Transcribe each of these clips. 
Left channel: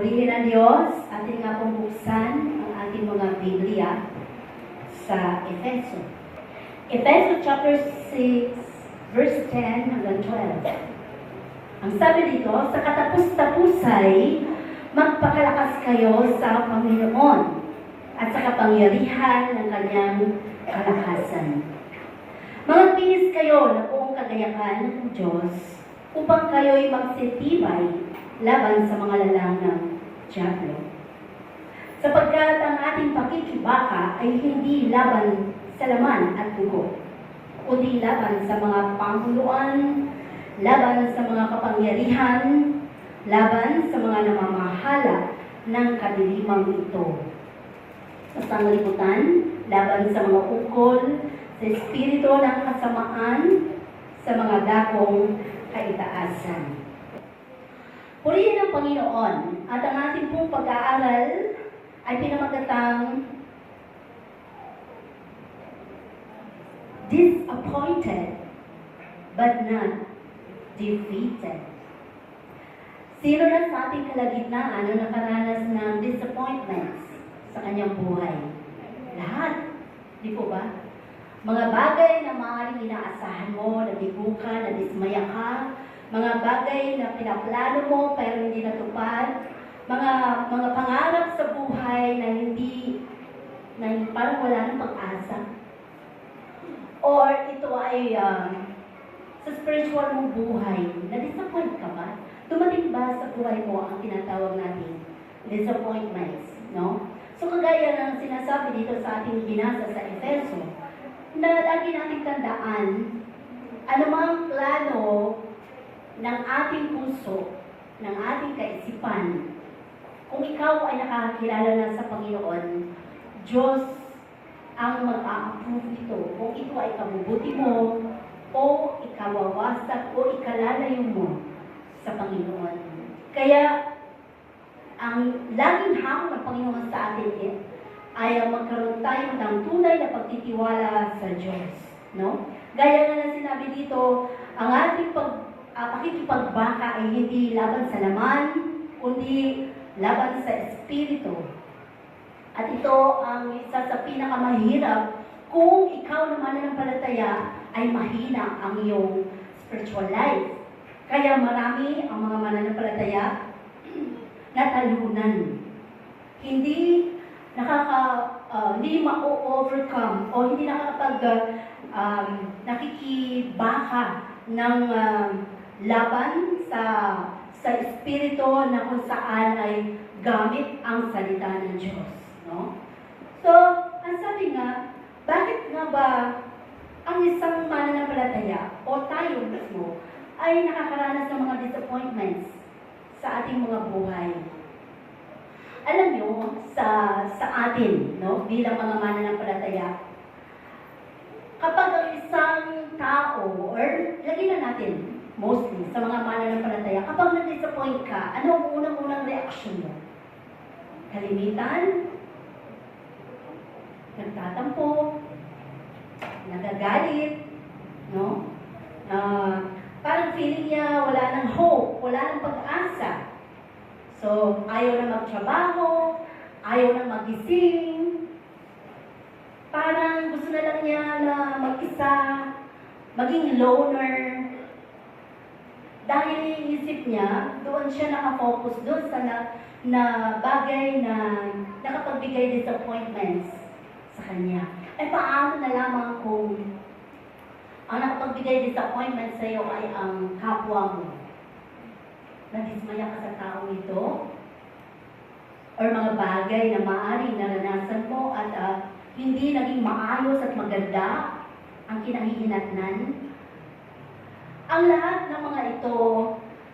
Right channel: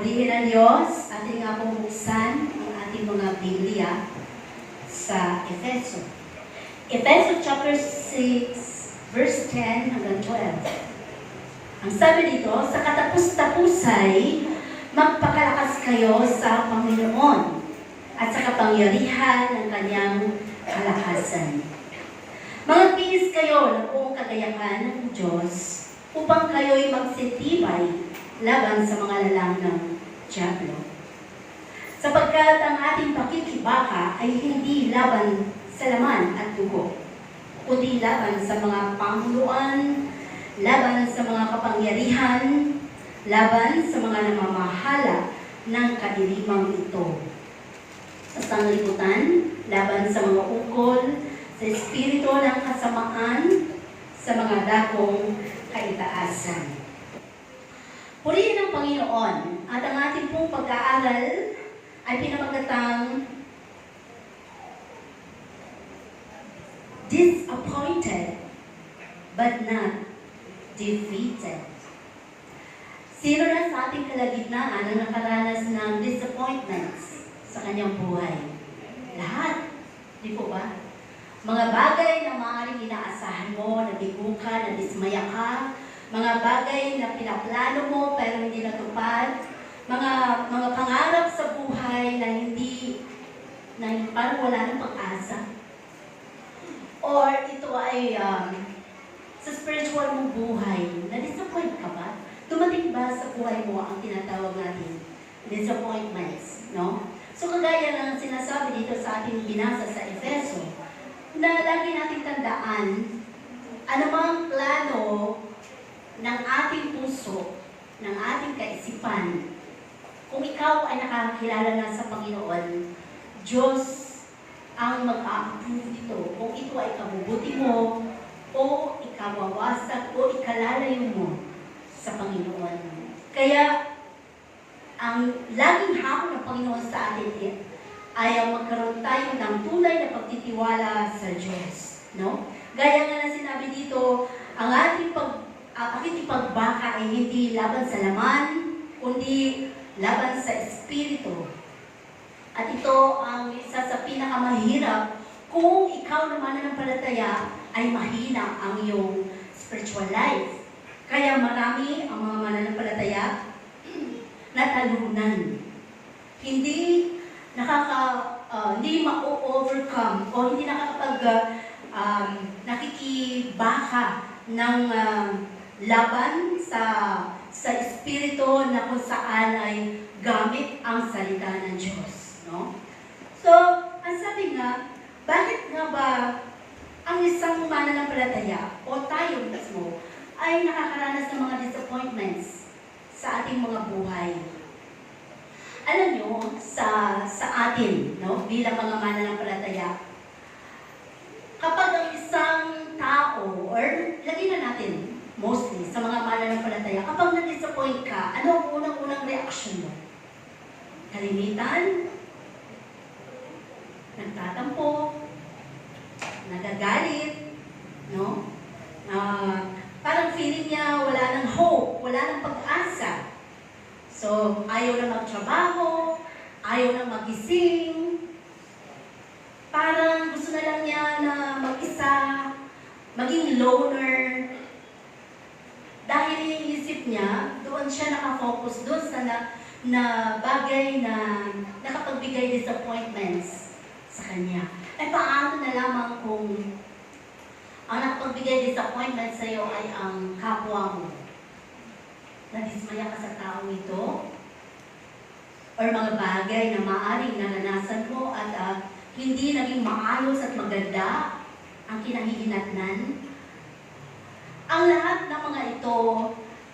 Purihin ang Diyos, ating nga pong buksan ang ating mga Biblia sa Efeso. Efeso chapter 6, verse 10 hanggang 12. Ang sabi dito, sa katapus-tapusay, magpakalakas kayo sa Panginoon at sa kapangyarihan ng kanyang kalakasan. Magtiis kayo na buong kagayahan ng Diyos upang kayo'y magsitibay laban sa mga lalang ng dyablo. Sapagkat ang ating pakikibaka ay hindi laban sa laman at dugo, kundi laban sa mga panguluan, laban sa mga kapangyarihan, laban sa mga namamahala ng kadilimang ito. Sa sanglibutan, laban sa mga ukol, sa espiritu ng kasamaan, sa mga dakong kaitaasan. Purihin ang Panginoon at ang ating pong pag-aaral ay pinamagatang disappointed but not defeated. Sino na sa ating kalagitnaan ang nakaranas ng disappointments sa kanyang buhay? Lahat. Di po ba? Mga bagay na maaaring inaasahan mo, nabigo ka, nadismaya ka, mga bagay na pinaplano mo pero hindi natupad, mga pangarap sa buhay na hindi parang wala ng pag-asa. Or ito ay sa spiritual mong buhay, na-disappoint ka ba? Dumating ba sa buhay mo ang tinatawag natin disappointments, no? So kagaya ng sinasabi dito sa ating binasa sa Efeso, na lagi nating tandaan, anumang plano ng ating puso, ng ating kaisipan, kung ikaw ay nakakilala na sa Panginoon, Diyos ang mag-a-approve nito. Kung ito ay kabubuti mo, o ikawawasak, o ikalalayo mo sa Panginoon. Kaya, ang laging hamon ng Panginoon sa atin ay ang magkaroon tayo ng tunay na pagtitiwala sa Diyos. No? Gaya nga na sinabi dito, ang ating pakikipagbaka ay hindi laban sa laman, kundi laban sa espiritu. At ito ang isa sa pinakamahirap kung ikaw na mananampalataya ay mahina ang iyong spiritual life. Kaya marami ang mga mananampalataya na talunan. Hindi hindi ma-overcome o hindi nakikibaka ng laban sa espiritu na kung saan ay gamit ang salita ng Diyos, no? So, ang sabi nga, bakit nga ba ang isang mananampalataya o tayo mismo ay nakakaranas ng mga disappointments sa ating mga buhay? Alam nyo, sa atin, no, bilang mga mananampalataya, kapag ang isang tao, or lagi na natin, mostly, sa mga mananampalataya, kapag na-disappoint ka, ano ang unang-unang reaksyon mo? Kalimitan, nagtatampo, nagagalit, no? Parang feeling niya wala ng hope, wala ng pag-asa. So, ayaw na magtrabaho, ayaw na magising, parang gusto na lang niya na mag-isa, maging loner. Dahil iisip niya, doon siya nakafocus doon sa na bagay na nakapagbigay disappointments sa kanya. Eh paano na lamang kung ang nakapagbigay disappointments sa iyo ay ang kapwa mo? Nadismaya ka sa taong ito? Or mga bagay na maaaring naranasan mo at hindi naging maayos at maganda ang kinahihinatnan? Ang lahat ng mga ito,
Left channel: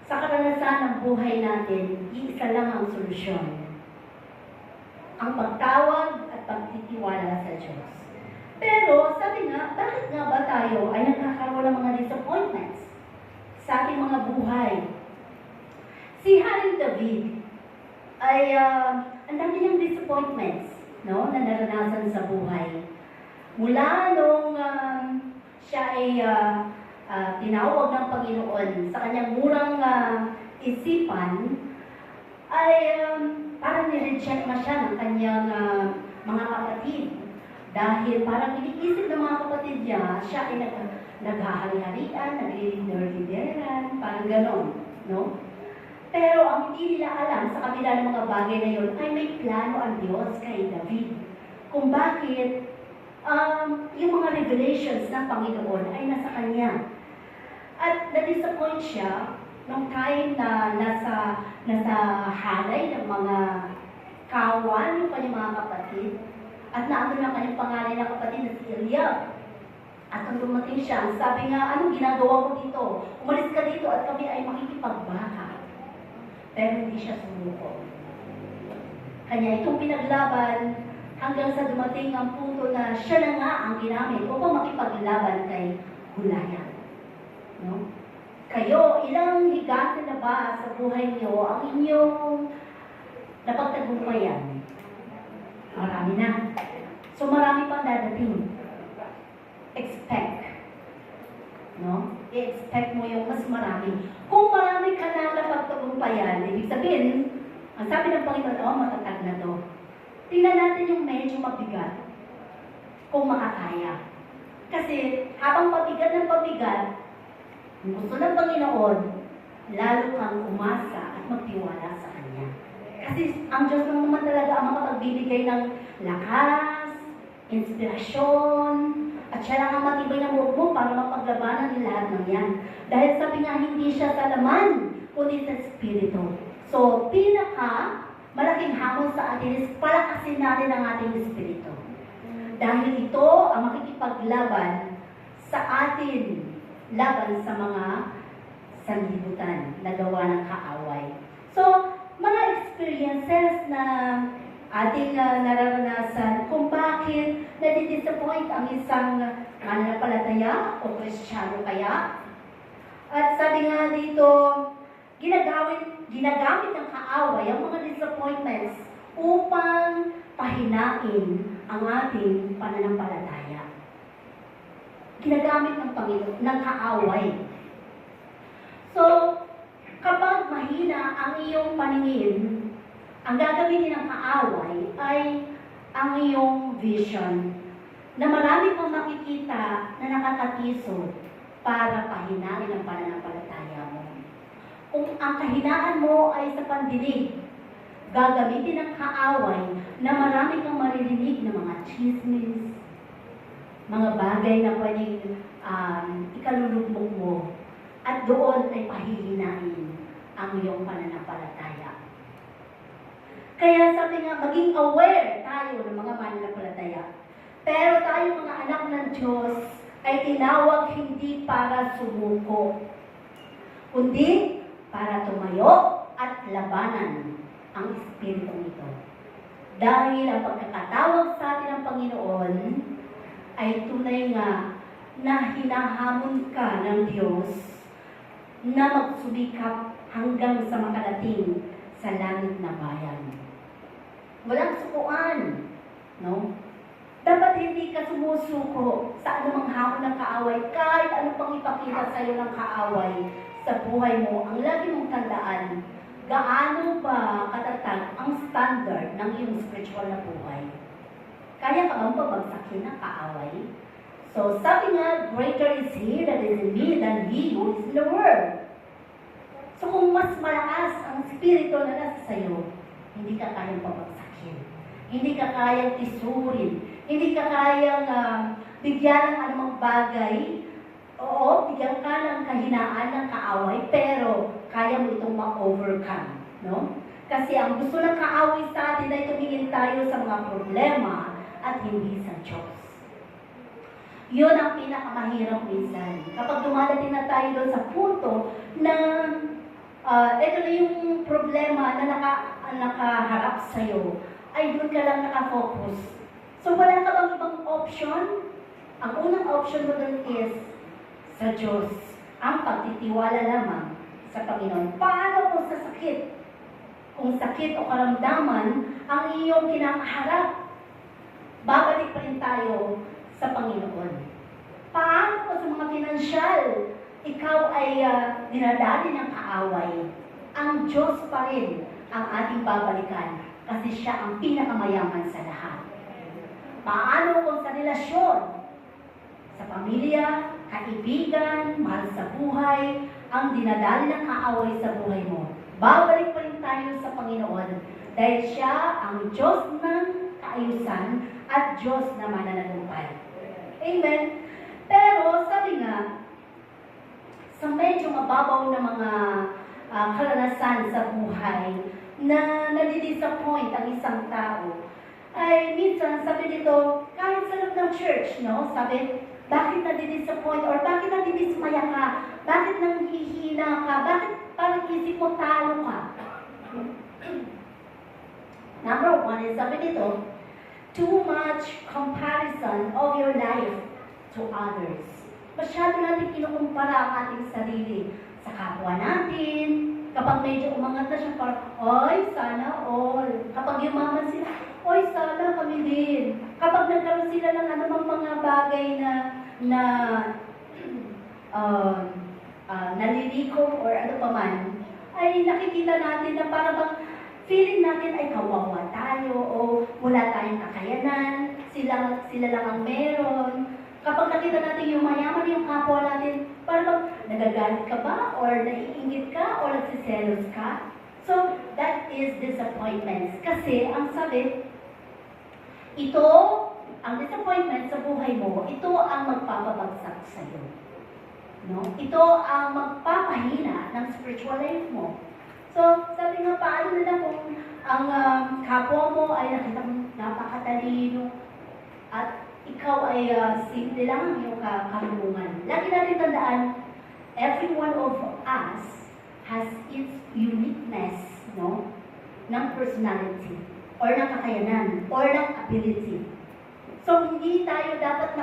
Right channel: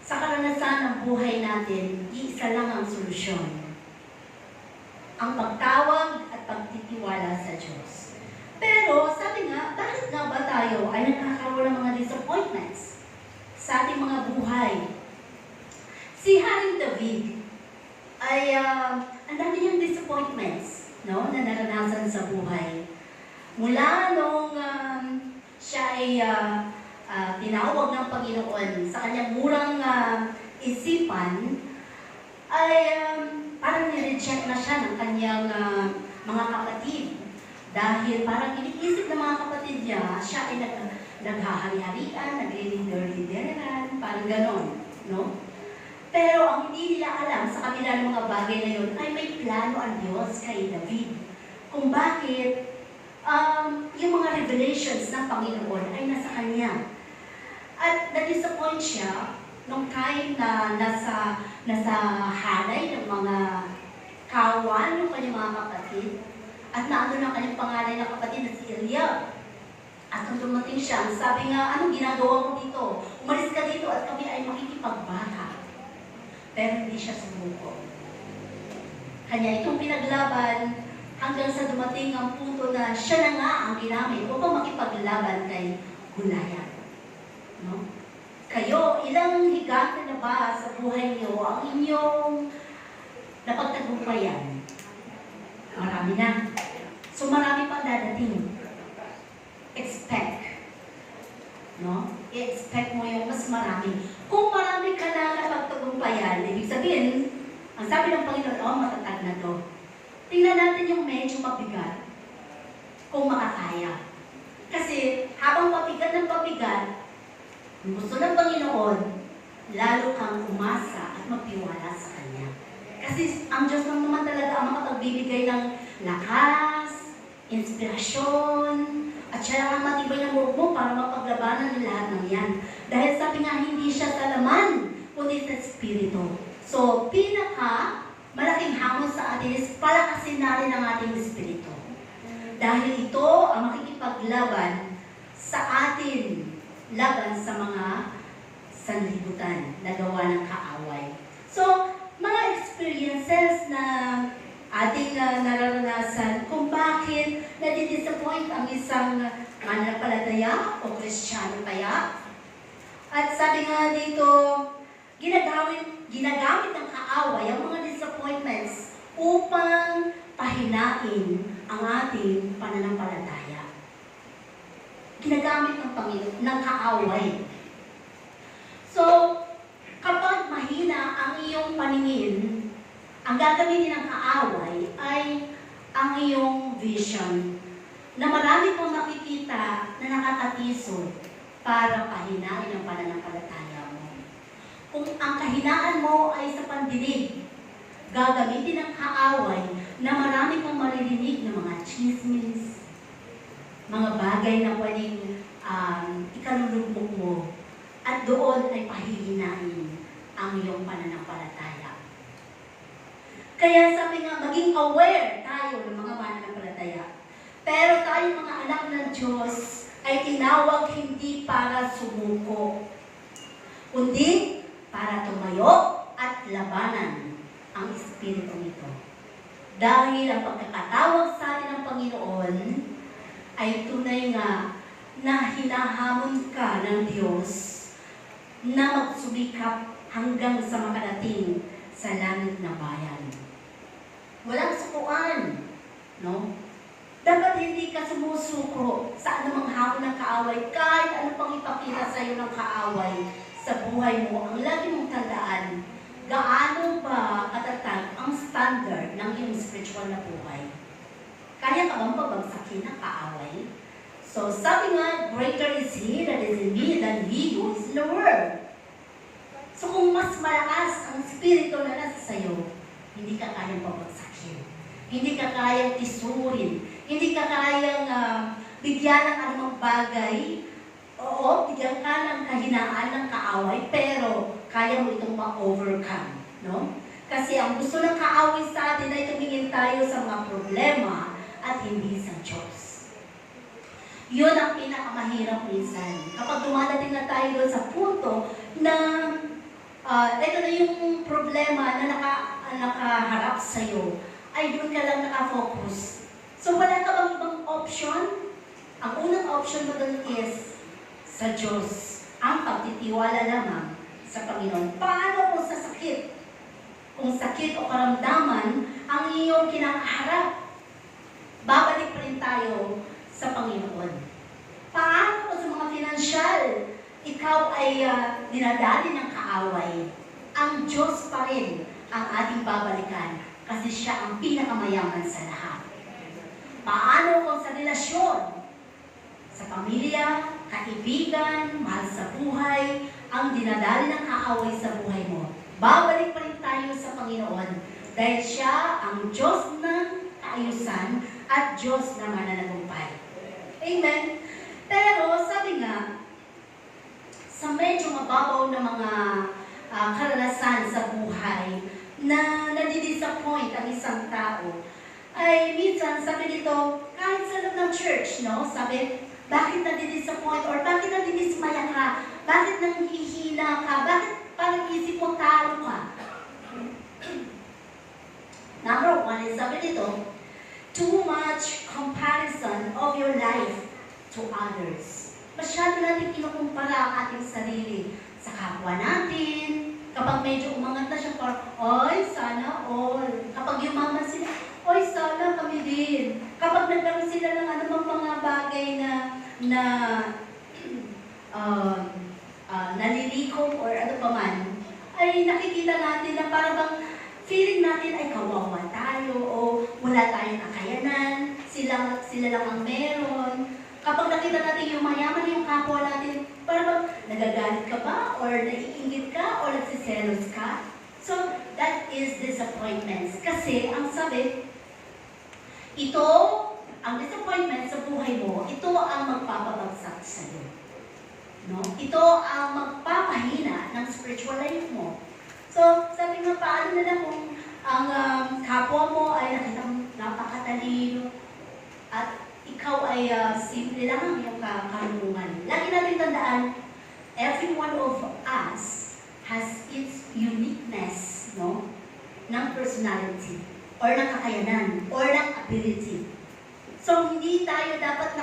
sa karanasan ng buhay natin, iisa lang ang solusyon. Ang pagtawag at pagtitiwala sa Diyos. Pero, sabi nga, bakit nga ba tayo ay nagkakaroon ng mga disappointments sa ating mga buhay? Si Haring David ay ang dami niyang disappointments, no, na naranasan sa buhay. Mula nung siya ay tinawag ng Panginoon sa kanyang murang isipan, ay parang nireject na siya ng kanyang mga kapatid. Dahil parang iniisip ng mga kapatid niya, siya ay naghahari-harian, naglilider-lideran, parang ganon, no? Pero ang hindi nila alam sa kabila ng mga bagay na yun, ay may plano ang Diyos kay David. Kung bakit yung mga revelations ng Panginoon ay nasa kanya. At na-disappoint siya nung time na nasa halay ng mga kawan ng kanyang mga kapatid. At naano ng kanyang pangalan ng kapatid na si Eliab. At nung dumating siya, sabi nga, anong ginagawa mo dito? Umalis ka dito at kami ay makikipagbaka. Pero hindi siya sumuko. Kanya itong pinaglaban hanggang sa dumating ang punto na siya na nga ang ginamit upang makipaglaban kay Goliath. No? Kayo, ilang higante na ba sa buhay niyo ang inyong napagtagumpayan? Marami na. So marami pang dadating. Expect. No? I-expect mo yung mas marami. Kung marami ka lang napagtagumpayan, ibig sabihin, ang sabi ng Panginoon, oh, matatag na to. Tingnan natin yung medyo mabigat. Kung makakaya. Kasi habang pabigat ng pabigat, gusto ng Panginoon, lalo kang umasa at magtiwala sa Kanya. Kasi ang Diyos lang naman talaga ang makapagbibigay ng lakas, inspirasyon, at siya lang ang matibay ng loob mo para mapaglabanan ng lahat ng yan. Dahil sabi nga, hindi siya sa laman, kundi sa Espiritu. So, malaking hamon sa atin is palakasin natin ang ating Espiritu. Dahil ito ang makikipaglaban sa atin, laban sa mga sanlibutan na gawa ng kaaway. So, mga experiences na ating nararanasan kung bakit nadidisappoint ang isang mananampalataya o Kristiyano kaya. At sabi nga dito, ginagamit ng kaaway ang mga disappointments upang pahinain ang ating pananampalataya. Ginagamit ng Panginoon, ng kaaway. So, kapag mahina ang iyong paningin, ang gagamitin ng kaaway ay ang iyong vision na marami kang makikita na nakakatisod para pahinain ang pananampalataya mo. Kung ang kahinaan mo ay sa pandinig, gagamitin ng kaaway na marami kang maririnig na mga chismis, mga bagay na pwedeng ikalulugmok mo, at doon ay pahihinain ang iyong pananampalataya. Kaya sabi nga, maging aware tayo ng mga mananampalataya. Pero tayo mga anak ng Diyos ay tinawag hindi para sumuko, kundi para tumayo at labanan ang Espiritu nito. Dahil ang pagkakatawag sa atin ng Panginoon ay tunay nga na hinahamon ka ng Diyos na magsumikap hanggang sa makarating sa langit na bayan. Walang sukuan, no? Dapat hindi ka sumusuko sa anumang hamon ng kaaway, kahit ano pang ipakita sa iyo ng kaaway sa buhay mo. Ang lagi mong tandaan, gaano ba katatag ang standard ng iyong spiritual na buhay? Kaya ka bang pabagsakin ng kaaway? So, sabi nga, greater is He that is in me than he who is in the world. So, kung mas malakas ang spirito na nasa sayo, hindi ka kayang pabagsakin. Hindi ka kayang tisurin. Hindi ka kayang bigyan ng anumang bagay. Oo, bigyan ka ng kahinaan ng kaaway, pero kaya mo itong ma-overcome. No? Kasi ang gusto ng kaaway sa atin ay tumingin tayo sa mga problema at hindi sa Diyos. Yun ang pinakamahirap minsan. Kapag dumadating na tayo doon sa punto na ito na yung problema na nakaharap sa'yo, ay doon ka lang nakafocus. So wala ka bang ibang option? Ang unang option mo doon is sa Diyos. Ang pagtitiwala lamang sa Panginoon. Paano kung sa sakit? Kung sakit o karamdaman ang iyong kinakaharap, babalik pa rin tayo sa Panginoon. Paano kung sa mga pinansyal, ikaw ay dinadali ng kaaway? Ang Diyos pa rin ang ating babalikan kasi siya ang pinakamayaman sa lahat. Paano kung sa relasyon, sa pamilya, kaibigan, mahal sa buhay, ang dinadali ng kaaway sa buhay mo? Babalik pa rin tayo sa Panginoon dahil siya ang Diyos ng kaayusan at Diyos na mananagumpay. Amen? Pero sabi nga, sa medyo mababaw na mga karanasan sa buhay na nadidisappoint ang isang tao, ay minsan sabi nito, kahit sa loob ng church, no? Sabi, bakit nadidisappoint or bakit nadidismaya ka? Bakit nanghihina ka? Bakit parang isip mo talo ka? Number one is sabi nito, too much comparison of your life to others. Masyado natin kinukumpara ang ating sarili sa kapwa natin. Kapag medyo umangat na siya, parang, oy, sana all. Kapag yumaman sila, oy, sana kami din. Kapag nagkaroon sila ng anumang mga bagay na nalilikom or ano pa man, ay nakikita natin na parang feeling natin ay kawawa tayo o wala tayong kakayanan, sila lang ang meron. Kapag nakita natin yung mayaman yung kapwa natin, parang nagagalit ka ba? Or naiingit ka? Or nagsiselos ka? So, that is disappointments. Kasi, ang sabi, ito, ang disappointment sa buhay mo, ito ang magpapabagsak sa'yo. No? Ito ang magpapahina ng spiritual life mo. So, sabi nga, paano na lang kung ang kapwa mo ay nakita mong napakatalino at ikaw ay simple lang ang iyong karunungan. Lagi natin tandaan, every one of us has its uniqueness, no? Ng personality, or ng kakayanan, or ng ability. So, hindi tayo dapat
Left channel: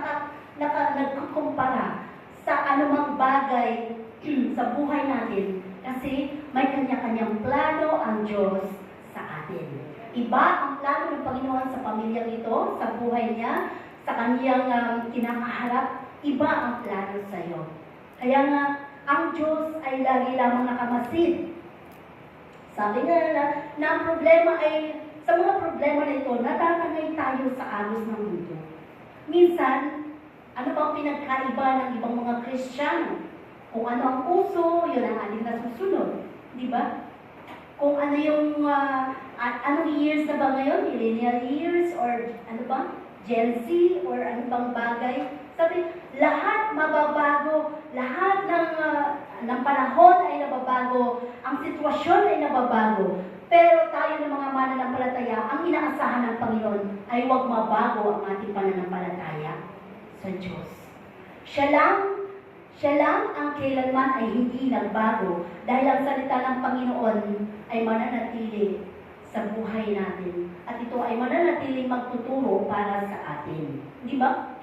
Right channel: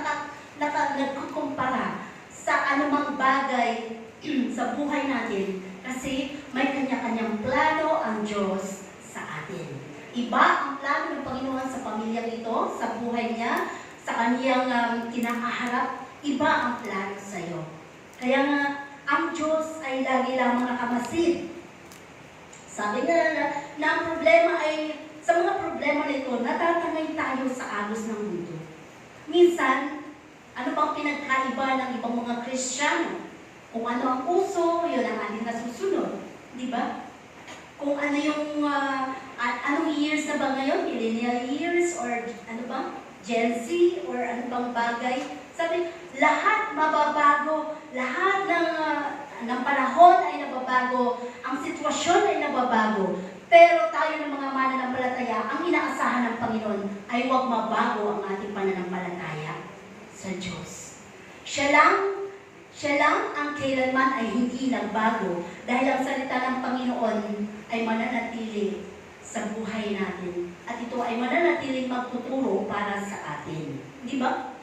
nagkukumpara sa anumang bagay sa buhay natin kasi may kanya-kanyang plano ang Diyos sa atin. Iba ang plano ng Panginoon sa pamilyang ito, sa buhay niya, sa kaniyang kinakaharap, iba ang plano sa iyo. Kaya nga, ang Diyos ay lagi lamang nakamasid. Sabi nga na ang problema ay, sa mga problema nito, natatangay tayo sa agos ng mundo. Minsan, ano bang pinagkaiba ng ibang mga Kristiyano? Kung ano ang uso, yun ang ating nasusunod. Di ba? Kung ano yung, anong years na ba ngayon? Millennial years or ano ba? Gen Z or ano bang bagay. Sabi, lahat mababago, lahat ng panahon ay nababago, ang sitwasyon ay nababago. Pero tayo ng mga mananampalataya, ang inaasahan ng Panginoon ay huwag mabago ang ating pananampalataya sa Diyos. Siya lang ang kailanman ay hindi nagbago dahil ang salita ng Panginoon ay mananatili sa buhay natin. At ito ay mananatiling magtuturo para sa atin. Di ba?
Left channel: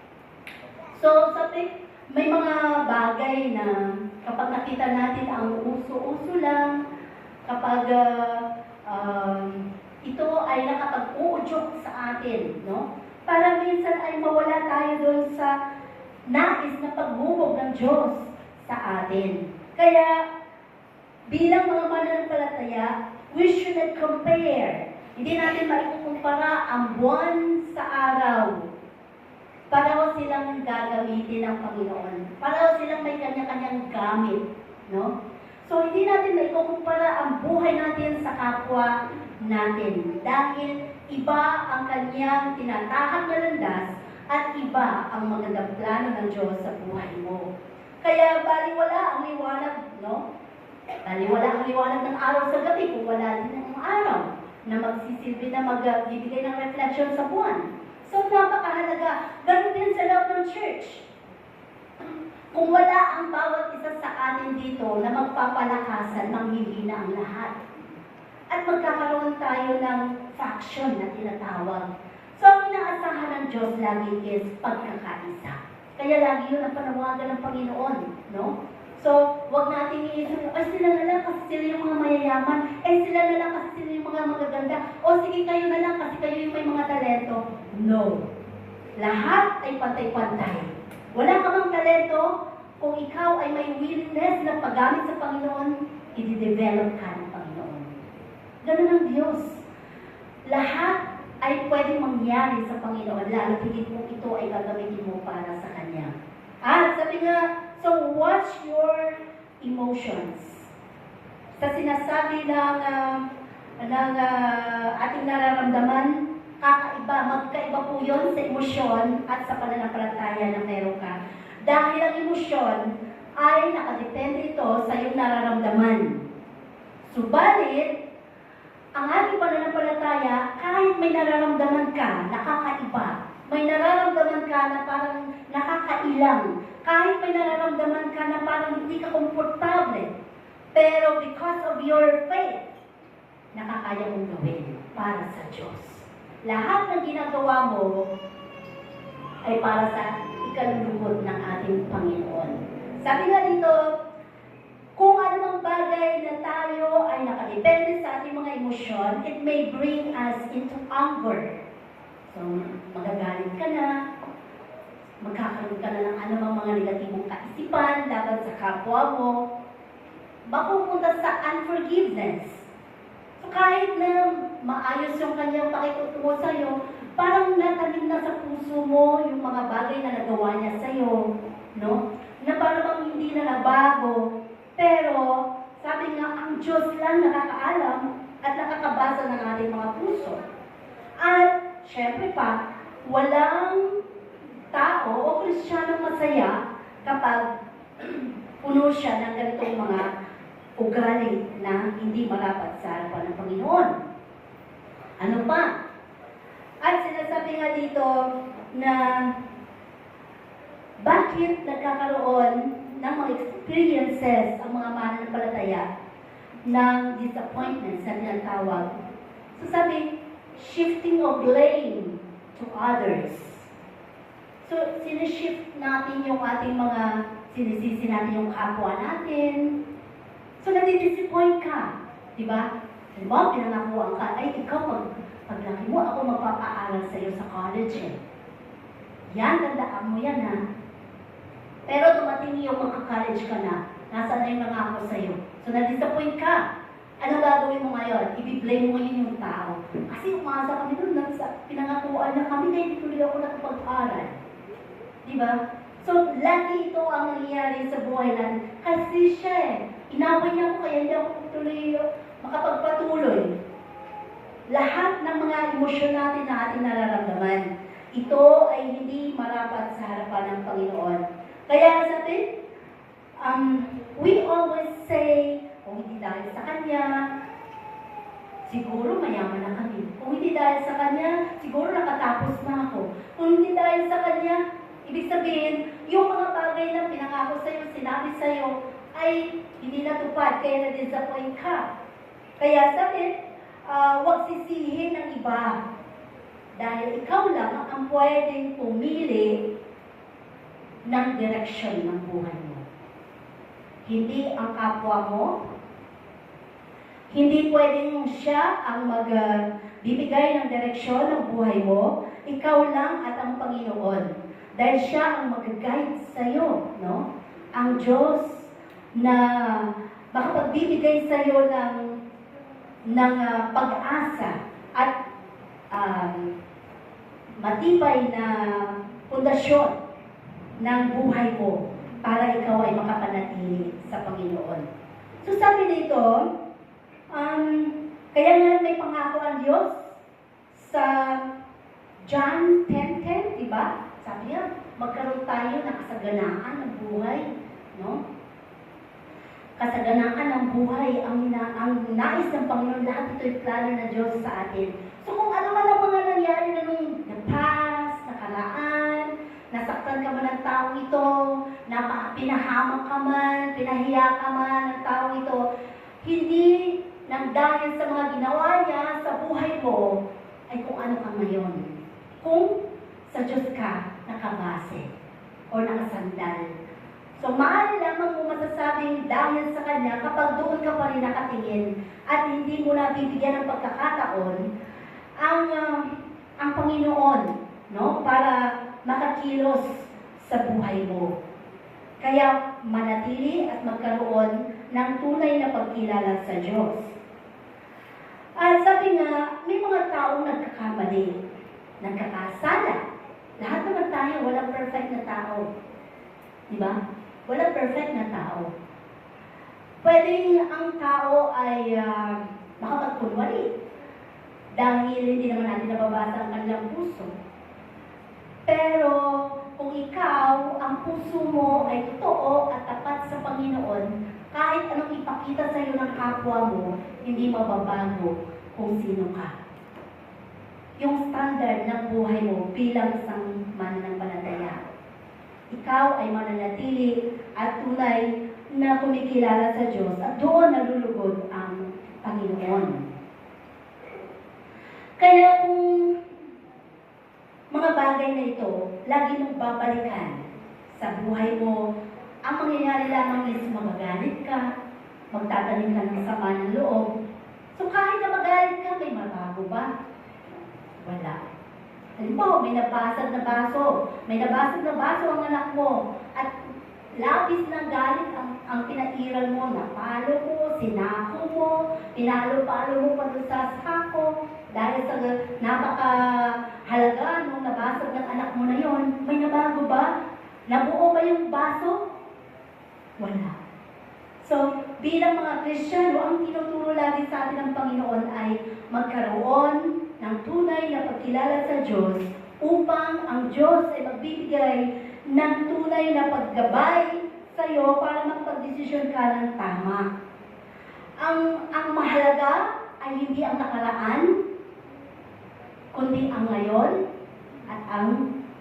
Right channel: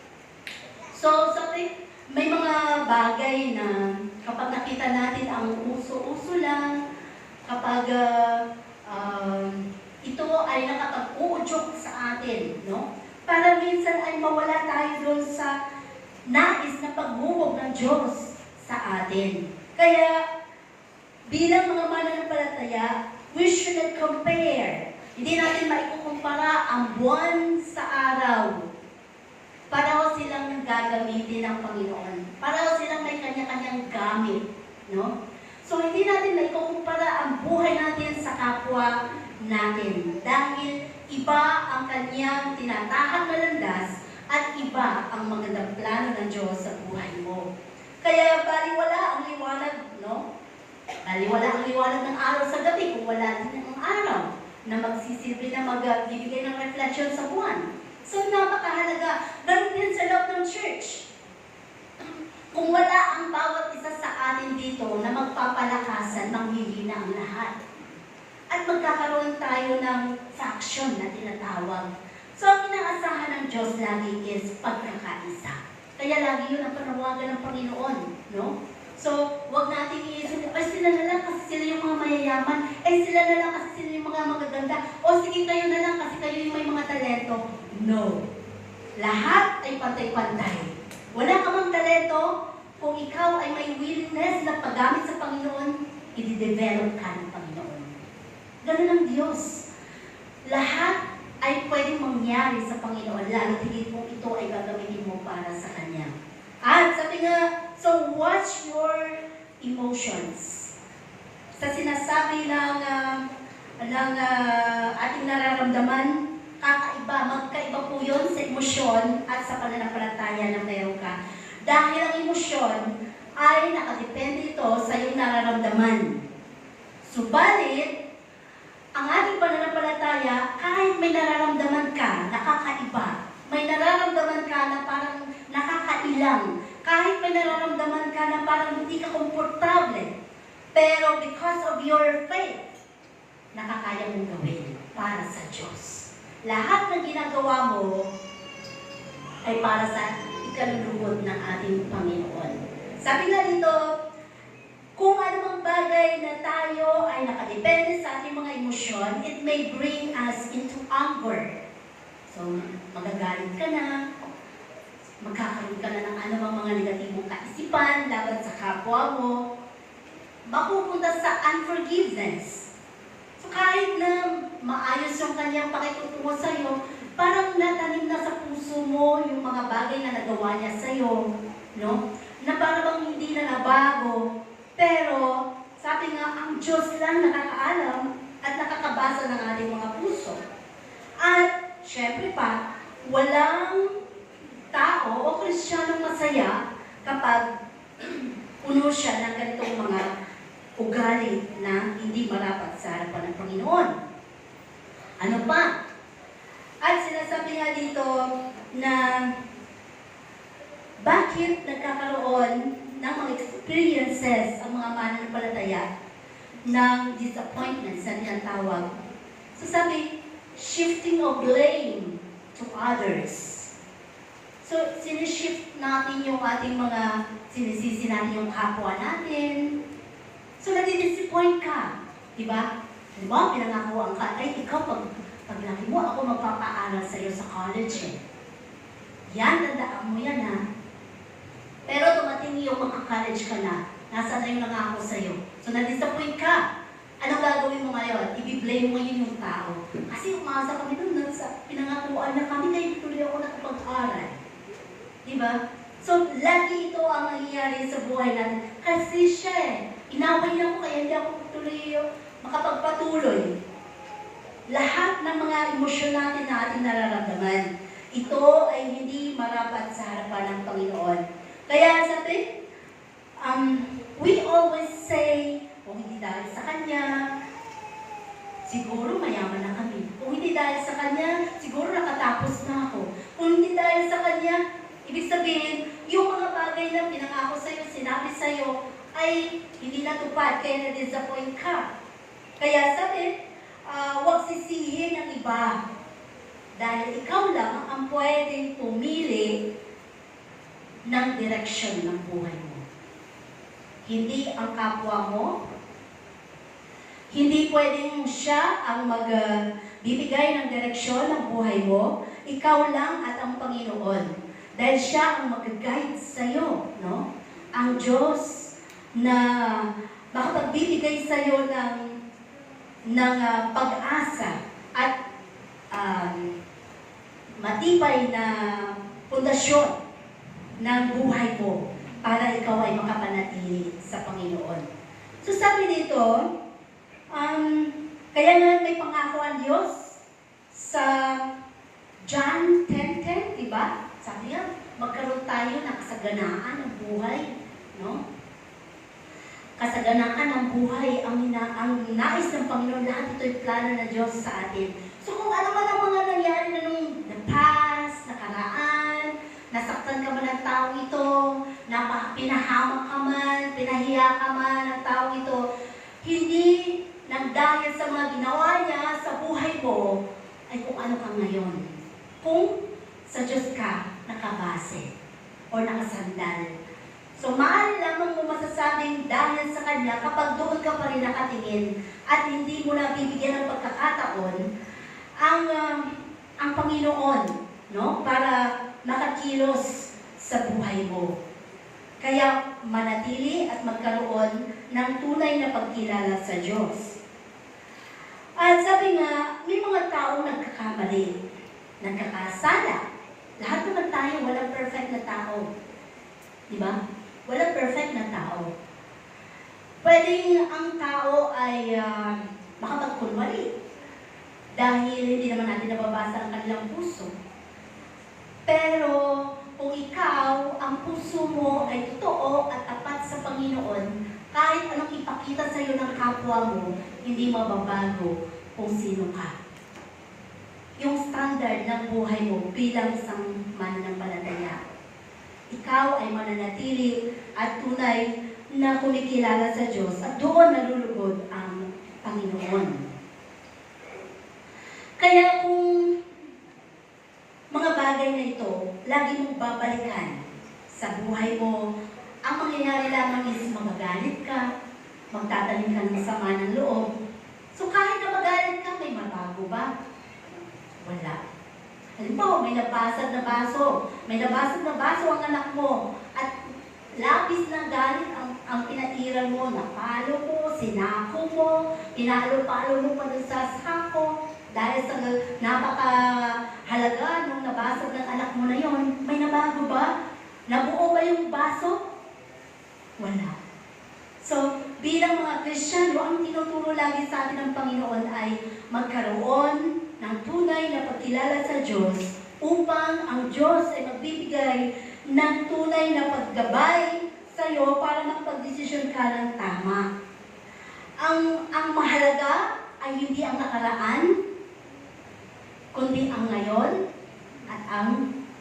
So, sabi, may mga bagay na kapag nakita natin ang uso-uso lang, kapag ito ay nakapag-uudyok sa atin, no? Para minsan ay mawala tayo doon sa nais na paghubog ng Diyos sa atin. Kaya, bilang mga mananampalataya, we shouldn't compare. Hindi natin maikukumpara ang buwan sa araw. Pareho silang gagamitin ng Panginoon. Pareho silang may kanya-kanyang gamit. No? So, hindi natin maikukumpara ang buhay natin sa kapwa natin. Dahil iba ang kanyang tinatahak na landas at iba ang magandang plano ng Diyos sa buhay mo. Kaya baliwala ang liwanag, no? Baliwala ang liwanag ng araw sa gabi kung wala din ang araw na magsisilbi na magbibigay ng reflection sa buwan. So, napakahalaga. Ganun din sa loob ng church. Kung wala ang bawat isa sa atin dito na magpapalakasan, manghihina ang lahat. At magkakaroon tayo ng faction na tinatawag. So, ang inaasahan ng Diyos lagi is pagkakaisa. Kaya lagi yun ang panawagan ng Panginoon, no? So, wag nating iisip, ay sila na lang kasi sila yung mga mayayaman, ay sila na lang kasi sila yung mga magaganda, o sige kayo na lang kasi kayo yung may mga talento. No. Lahat ay pantay-pantay. Wala ka mang talento, kung ikaw ay may willingness na paggamit sa Panginoon, i-develop ka ng Panginoon. Ganun ang Diyos. Lahat ay pwedeng mangyari sa Panginoon, lalo higit mo ito ay gagamitin mo para sa Kanya. At sabi nga, so watch your emotions. Sa sinasabi ng ating nararamdaman, magkaiba po yun sa emosyon at sa pananampalataya na meron ka. Dahil ang emosyon ay nakadepende ito sa iyong nararamdaman. Subalit, ang ating pananampalataya, kahit may nararamdaman ka, nakakaiba. May nararamdaman ka na parang nakakailang. Kahit may nararamdaman ka na parang hindi ka komportable. Pero because of your faith, nakakaya mong gawin para sa Diyos. Lahat ng ginagawa mo ay para sa ikalulugod ng ating Panginoon. Sabi nga dito, kung anumang bagay na tayo ay nakadepende sa ating mga emosyon, it may bring us into anger. So, magagalit ka na, magkakaroon ka na ng anumang mga negatibong kaisipan laban sa kapwa mo, mapupunta sa unforgiveness. So, kahit na maayos yung kanyang pakikutungo sa'yo, parang natanim na sa puso mo yung mga bagay na nagawa niya sa'yo, no? Na parang hindi na nabago. Pero, sabi nga, ang Diyos lang nakakaalam at nakakabasa ng ating mga puso. At, syempre pa, walang tao o Kristiyanong masaya kapag puno siya ng ganitong mga ugali na hindi marapat sa harapan ng Panginoon. Ano pa? At sinasabi nga dito na bakit nagkakaroon ng mga experiences ang mga mananampalataya ng disappointments na tinatawag. So sabi, shifting of blame to others. So sinishift natin yung ating mga, sinisisi natin yung kapwa natin. So nadidisappoint ka. Diba? Diba? Pinangakuan ka, ay ikaw paglaki mo, ako magpapaaral sa iyo sa college eh. Yan, tandaan mo yan ha. Pero dumating yung magka-college ka na, nasa na yung nangako sa'yo. So, na-disappoint ka. Ano gagawin mo ngayon? I-blame mo ngayon yung tao. Kasi umasa kami doon, pinangakuan na kami, kaya hindi tuloy ako nakapag-aral. Diba? So, lagi ito ang nangyayari sa buhay natin. Kasi siya inaway niya ako, kaya hindi ako tuloy makapagpatuloy. Lahat ng mga emosyon natin na ating nararamdaman, ito ay hindi marapat sa harapan ng Panginoon. Kaya sabi, we always say, kung hindi dahil sa Kanya, siguro mayaman na kami. Kung hindi dahil sa Kanya, siguro nakatapos na ako. Kung hindi dahil sa Kanya, ibig sabihin, yung mga bagay na pinangako sa'yo, sinabi sa'yo, ay hindi natupad, kaya na-disappoint ka. Kaya sabi, huwag sisihin ng iba. Dahil ikaw lang ang pwedeng pumili ng direksyon ng buhay mo. Hindi ang kapwa mo. Hindi pwedeng siya ang magbibigay ng direksyon ng buhay mo. Ikaw lang at ang Panginoon. Dahil siya ang mag-guide sa'yo. No? Ang Diyos na makapagbibigay sa'yo ng pag-asa at matibay na pundasyon ng buhay mo para ikaw ay makapanatili sa Panginoon. So sabi dito, kaya nga may pangako ang Diyos sa John 10:10, diba? Sabi niya, magkaroon tayo ng kasaganaan ng buhay, no? Kasaganaan ng buhay, ang nais ng Panginoon, lahat ito'y plano ng Diyos sa atin. So kung ano man ang mga nangyari na nung the past, nakaraan, nasaktan ka man ng tao ito, pinahamak ka man, pinahiya ka man ng tao ito, hindi nang dahil sa mga ginawa niya sa buhay mo, ay kung ano ka ngayon. Kung sa Diyos ka nakabase o nakasandal. So, maaari lamang mo masasabing dahil sa Kanya kapag doon ka pa rin nakatingin at hindi mo na bibigyan ng pagkakataon ang Panginoon, no? Para makakilos sa buhay mo. Kaya manatili at magkaroon ng tunay na pagkilala sa Diyos. At sabi nga, may mga taong nagkakamali, nagkakasala. Lahat naman tayo, walang perfect na tao. Di ba? Walang perfect na tao. Pwedeng ang tao ay makapagkunwari dahil hindi naman natin nababasa ang kanilang puso. Pero kung ikaw, ang puso mo ay totoo at tapat sa Panginoon, kahit anong ipakita sa iyo ng kapwa mo, hindi mababago kung sino ka. Yung standard ng buhay mo bilang isang mananampalataya. Ikaw ay mananatili at tunay na kumikilala sa Diyos at doon nalulugod ang Panginoon. Kaya kung mga bagay na ito, lagi mong babalikan sa buhay mo, ang mangyayari lamang is magagalit ka, magtatanim ka ng sama ng loob. So kahit na magalit ka, may mabago ba? Wala. Halimbawa, may nabasag na baso ang anak mo, at labis na galit ang pinairal mo, napalo mo, sinako mo, pinalo-palo mo pa sa sako, dahil sa napakahalaga nung nabasag ng anak mo na yon, may nabago ba? Nabuo ba yung baso? Wala. So, bilang mga Kristiyano, ang tinuturo lagi sa atin ng Panginoon ay magkaroon ng tunay na pagkilala sa Diyos upang ang Diyos ay magbibigay ng tunay na paggabay sa iyo para magpagdesisyon ka ng tama. Ang mahalaga ay hindi ang nakaraan, kundi ang ngayon at ang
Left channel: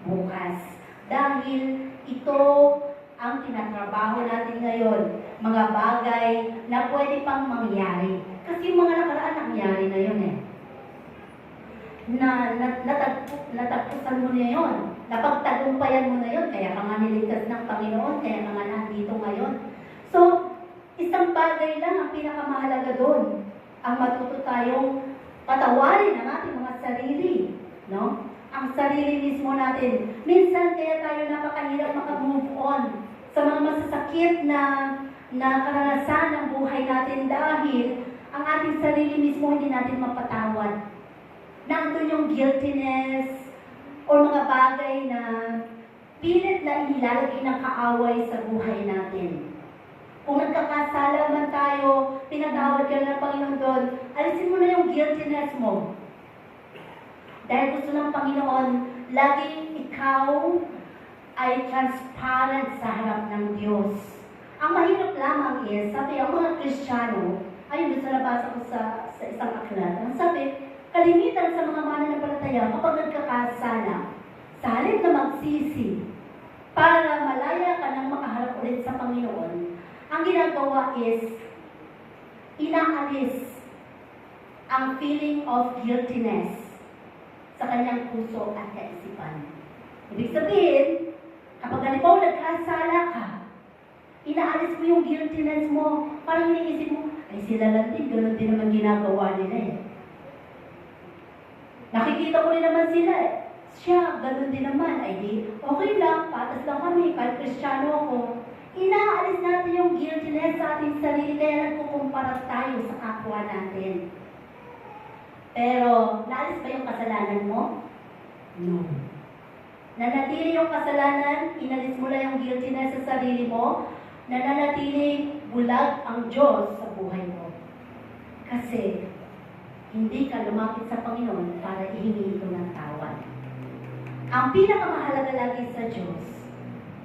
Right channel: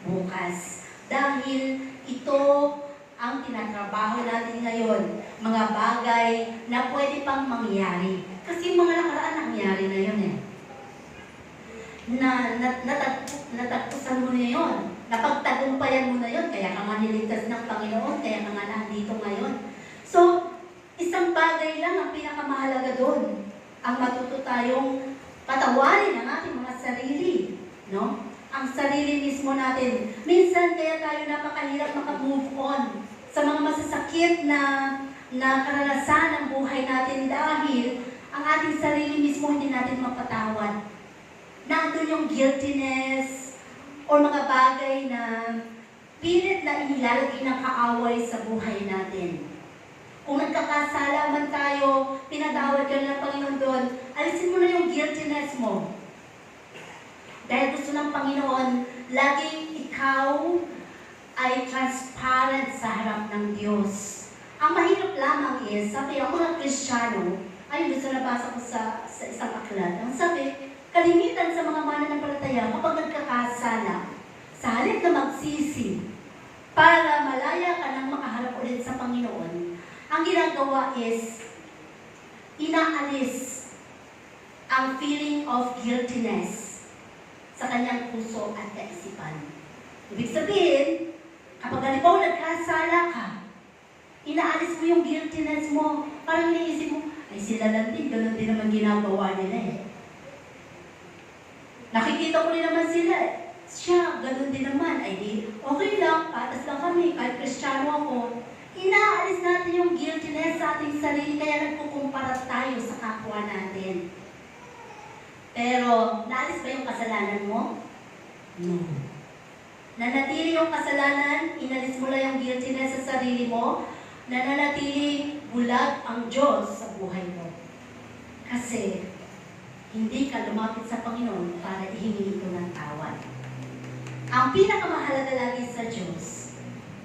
bukas. Dahil ito ang tinatrabaho natin ngayon, mga bagay na pwede pang mangyari. Kasi mga nakaraan nangyari na yun eh. Natagpusan mo na yun. Napagtagumpayan mo na yun. Kaya ka nga niligtas ng Panginoon, kaya ka nga nandito ngayon. So, isang bagay lang ang pinakamahalaga doon. Ang matuto tayong patawarin ang ating mga sarili. No? Ang sarili mismo natin. Minsan kaya tayo napakahirap maka-move on sa mga masasakit na karanasan ng buhay natin dahil ang ating sarili mismo hindi natin mapatawad. Nandun yung guiltiness o mga bagay na pilit na inilalagay ng kaaway sa buhay natin. Kung nagkakasala man tayo, pinatawad ka ng Panginoon doon, alisin mo na yung guiltiness mo. Dahil gusto ng Panginoon, lagi ikaw ay transparent sa harap ng Diyos. Ang mahirap lamang is, sabi ang mga Kristiyano, ayun doon sa nabasa ko sa isang aklat, ang sabi, kalimitan sa mga mananampalataya kapag nagkakasala, sa halip na magsisi, para malaya ka nang makaharap ulit sa Panginoon, ang ginagawa is, inaalis ang feeling of guiltiness sa kanyang puso at kaisipan. Ibig sabihin, kapag halimbawa nagkasala ka, inaalis mo yung guiltiness mo, parang iniisip mo, ay sila lang din, ganun din naman ginagawa nila eh. Nakikita ko rin naman sila eh. Siya, ganun din naman. Ay di, okay lang, patas lang kami, kahit Kristiyano ako. Inaalis natin yung guiltiness sa ating sarili, kaya nagkukumpara tayo sa kapwa natin. Pero, naalis ba yung kasalanan mo? No. Nanatili yung kasalanan, inalis mo lang yung guiltiness sa sarili mo, nananatili bulag ang Diyos sa buhay mo. Kasi, hindi ka lumapit sa Panginoon para ihingi ito ng tawad. Ang pinakamahalaga lagi sa Diyos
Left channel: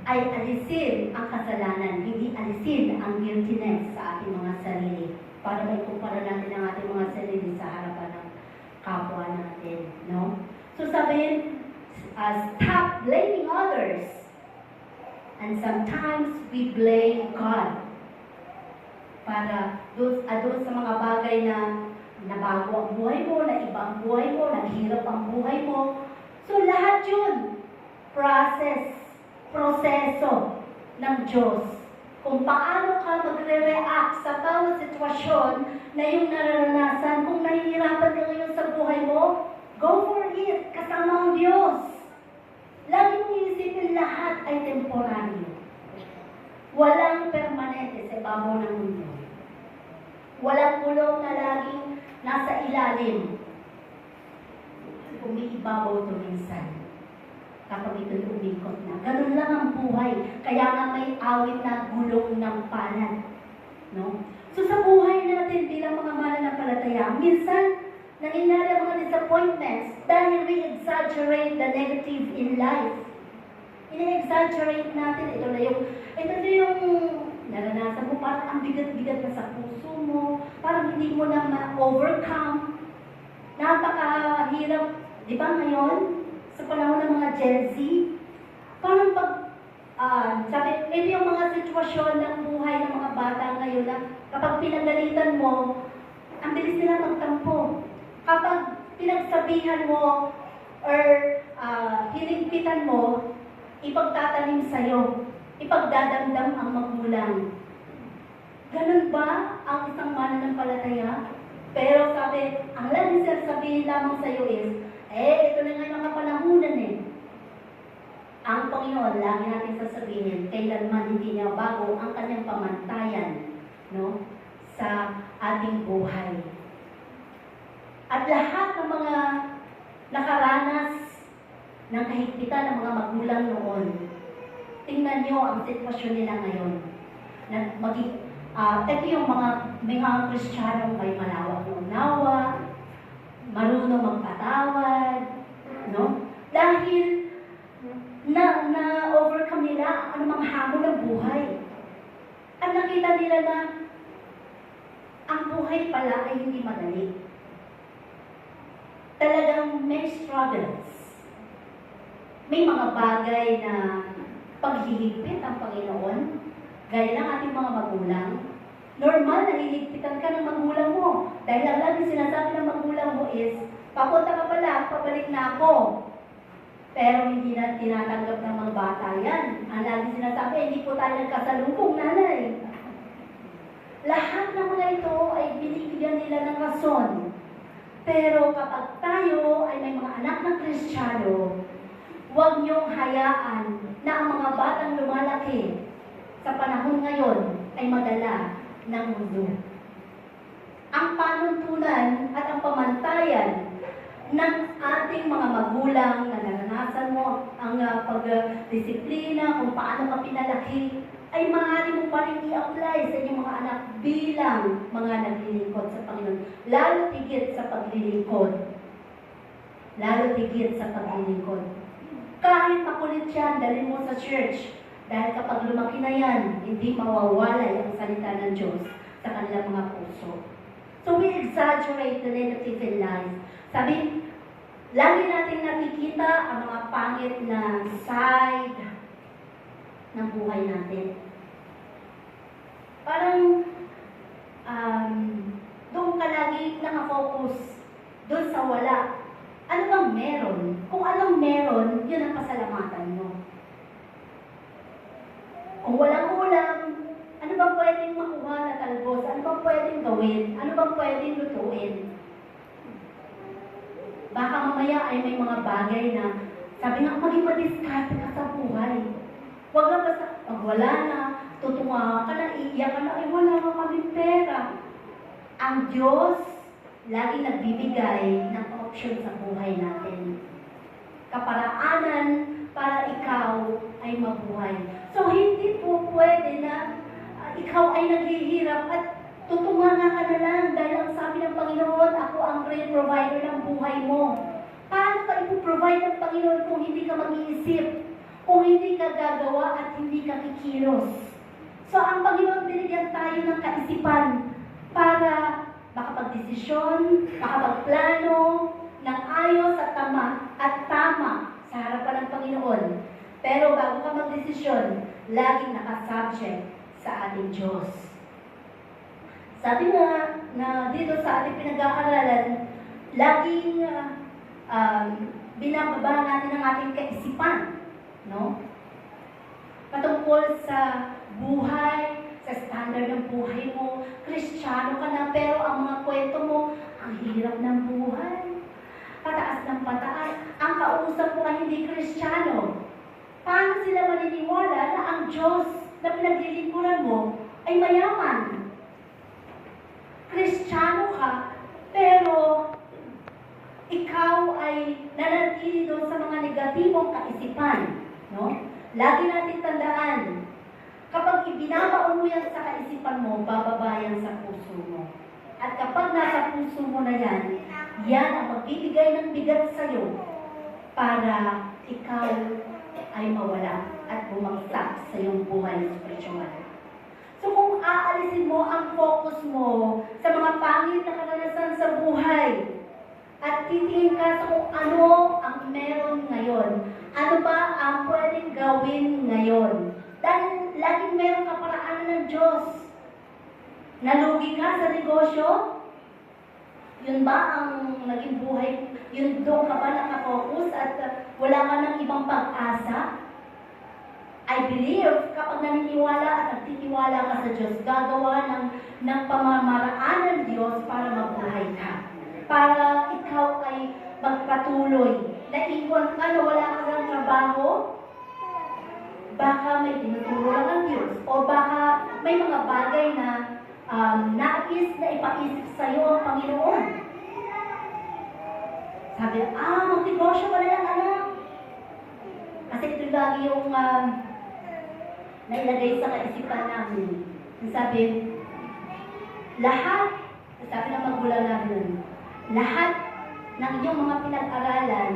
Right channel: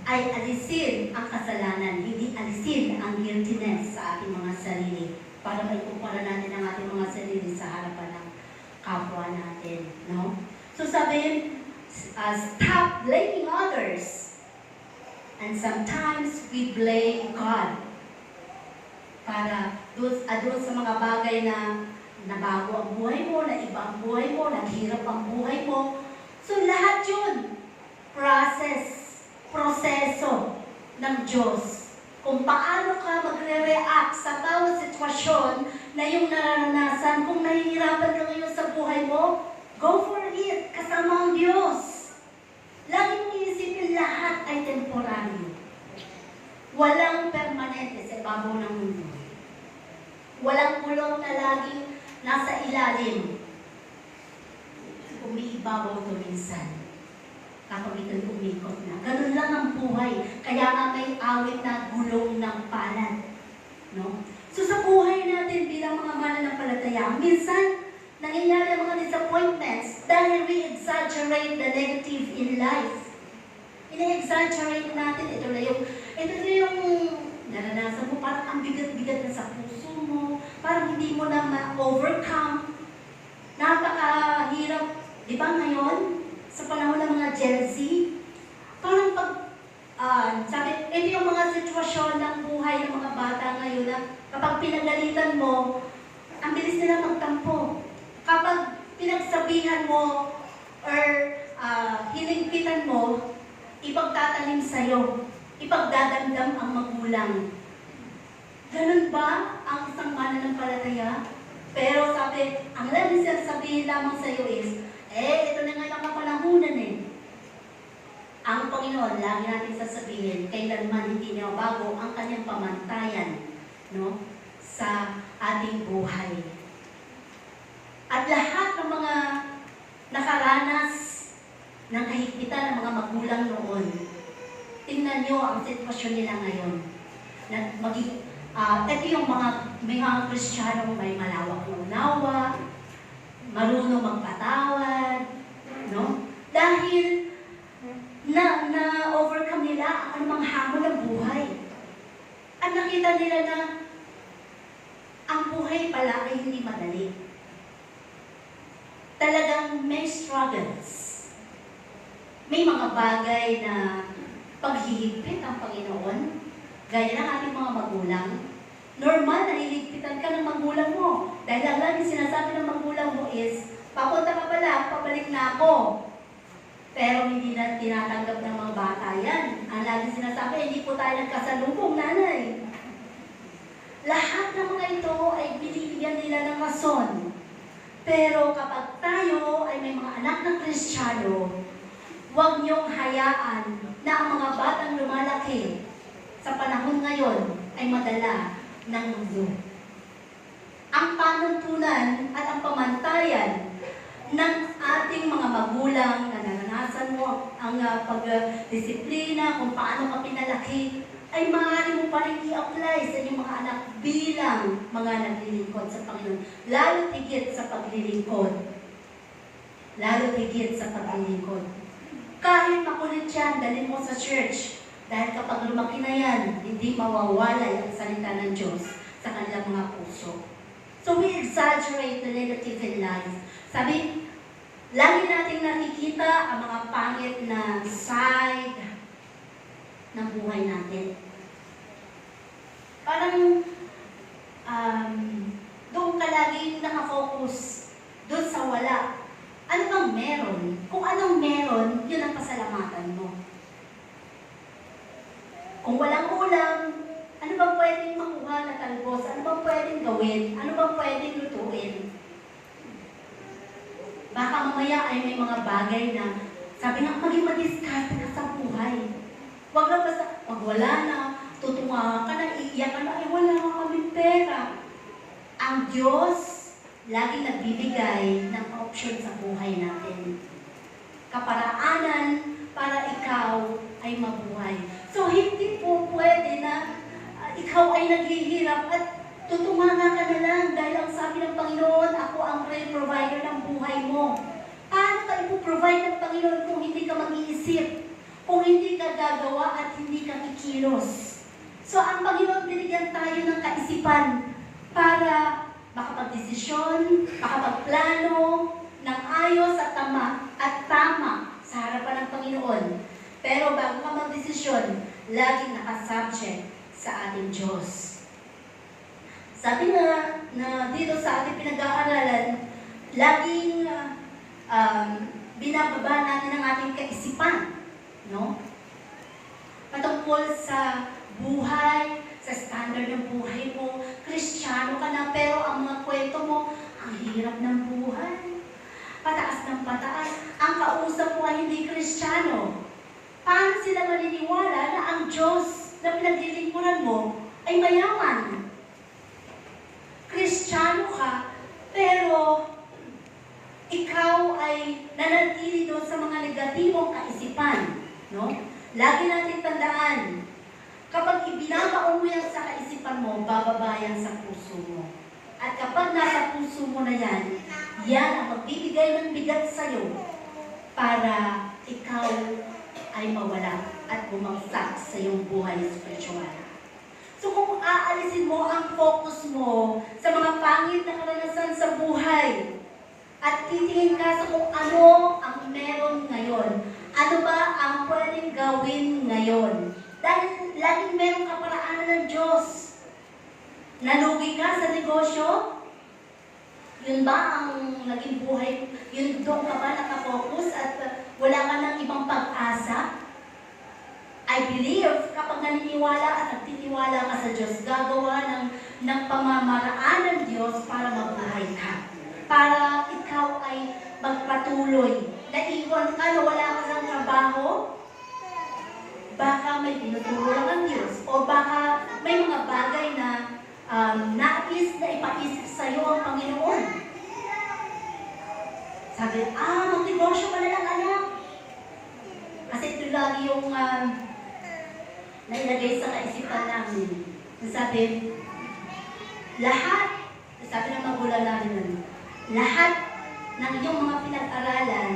ay alisin ang kasalanan, hindi alisin ang guiltiness sa ating mga sarili para maikumpara natin ang ating mga sarili sa harapan ng kapwa natin. No? So sabihin, stop blaming others. And sometimes we blame God para doon sa mga bagay na nabago ang buhay mo, na iba ang buhay mo, naghirap ang buhay mo. So lahat yun, proseso ng Diyos. Kung paano ka magre-react sa bawat sitwasyon na yung nararanasan, kung nahihirapan ka ngayon sa buhay mo, go for it, kasama ang Diyos. Lagi mong iisipin, lahat ay temporary. Walang permanente sa ibabaw ng mundo. Walang kulong na laging nasa ilalim. Umiibabaw to minsan. Kapag ito'y umikot na. Ganun lang ang buhay. Kaya nga may awit na gulong ng palad. No? So sa buhay natin bilang mga mananampalataya, minsan nangyayari ang mga disappointments dahil we exaggerate the negative in life. Ini-exaggerate natin. Ito na yung naranasan mo, parang ang bigat-bigat na sa puso mo, parang hindi mo na ma-overcome. Napakahirap, di ba ngayon? Sa panahon ng mga Gen Z, parang sabi, ito yung mga sitwasyon ng buhay ng mga bata ngayon na kapag pinagalitan mo, ang bilis nila magtampo. Kapag pinagsabihan mo or hiligpitan mo, ipagtatanim sa'yo, ipagdadamdam ang magulang. Ganun ba ang isang mananampalataya? Pero sabi, ang laging sasabihin lamang sa'yo is, ito na nga yung kapanahunan eh. Ang Panginoon, lagi natin sasabihin, kailanman hindi niya bago ang kanyang pamantayan, no, sa ating buhay. At lahat ng mga nakaranas ng kahigpitan ng mga magulang noon, tingnan niyo ang sitwasyon nila ngayon. Ito yung mga Kristiyanong may malawak na unawa, marunong magpatawad, no? Dahil na-overcome nila ang anumang hamon ng buhay. At nakita nila na ang buhay pala ay hindi madali. Talagang may struggles. May mga bagay na paghihigpit ang Panginoon, gaya ng ating mga magulang. Normal, naliligpitan ka ng magulang mo. Dahil ang lagi sinasabi ng magulang mo is, papunta ka pala, pabalik na ako. Pero hindi na tinatanggap ng mga bata yan. Ang lagi sinasabi, hindi po tayo nagkasalubong, nanay. Lahat ng mga ito ay binibigyan nila ng rason. Pero kapag tayo ay may mga anak ng Kristiyano, huwag niyong hayaan na ang mga batang lumalaki sa panahon ngayon ay madala ng mundo. Ang panuntunan at ang pamantayan ng ating mga magulang na naranasan mo ang pagdisiplina, kung paano ka pinalaki, ay maaari mo pa rin i-apply sa inyong mga anak bilang mga naglilingkod sa Panginoon. Lalo tigit sa paglilingkod. Lalo tigit sa paglilingkod. Kahit makulit yan, dalhin mo sa church. Dahil kapag lumaki na yan, hindi mawawalay ang salita ng Diyos sa kanilang mga puso. So we exaggerate the negative in life. Sabi, lagi nating nakikita ang mga pangit na side ng buhay natin. Parang doon ka lagi nakafocus doon sa wala. Ano bang meron? Kung anong meron, yun ang pasalamatan mo. Kung walang ulam, ano bang pwedeng makuha na talbos? Ano bang pwedeng gawin? Ano bang pwedeng lutuin? Baka mamaya ay may mga bagay na sabi nga, maging madiskarte ka sa buhay. Huwag lang basta, pag wala na, tutunga ka na, iiyak ka na, ay wala nga kaming pera. Ang Diyos, laging nagbibigay ng option sa buhay natin. Kaparaanan para ikaw ay mabuhay. So, hindi po pwede na ikaw ay naghihirap at tutunga ka na lang dahil ang sabi ng Panginoon, ako ang great provider ng buhay mo. Paano ka ipoprovide ng Panginoon kung hindi ka mag-iisip? Kung hindi ka gagawa at hindi ka kikilos? So, ang Panginoon binigyan tayo ng kaisipan para makapag-desisyon, makapagplano ng ayos at tama sa harapan ng Panginoon. Pero bago ka mag-desisyon, laging nakasubject sa ating Diyos. Sabi nga na dito sa ating pinag-aaralan, laging binababa natin ang ating kaisipan, no? Patungkol sa buhay, sa standard ng buhay mo, Kristiyano ka na, pero ang mga kwento mo, ang hirap ng buhay. Pataas ng pataas. Ang kausap mo ay hindi Kristiyano. Paano sila maniniwala na ang Diyos na pinaglilingkuran mo ay mayaman? Kristiyano ka, Pero, ikaw ay nanatili doon sa mga negatibong kaisipan. No? Lagi natin tandaan, kapag ibinabaon mo yan sa kaisipan mo, bababa yan sa puso mo. At kapag nasa puso mo na yan, yan ang magbibigay ng bigat sa'yo para ikaw ay mawala at bumagsak sa iyong buhay spiritual. So kung aalisin mo ang focus mo sa mga pangit na karanasan sa buhay, at titingin ka sa kung ano ang meron ngayon, ano ba ang pwedeng gawin ngayon, dahil laging meron kaparaanan ng Diyos. Nalugi ka sa negosyo? Yun ba ang naging buhay? Yun doon ka ba nakafocus at wala ka ng ibang pag-asa? I believe kapag naniniwala at nagtitiwala ka sa Diyos, gagawa ng pamamaraan ng Diyos para mabuhay ka. Para ikaw ay magpatuloy. Naiwan ka na wala ka ng trabaho? Baka may tinuturo lang ang Diyos. O baka may mga bagay na nais na ipaisip sa iyo ang Panginoon. Sabi, mag-negosyo ka na lang, anak. Kasi ito lagi yung nailagay sa kaisipan namin. Sabi, sabi ng magulang namin, lahat ng iyong mga pinag-aralan,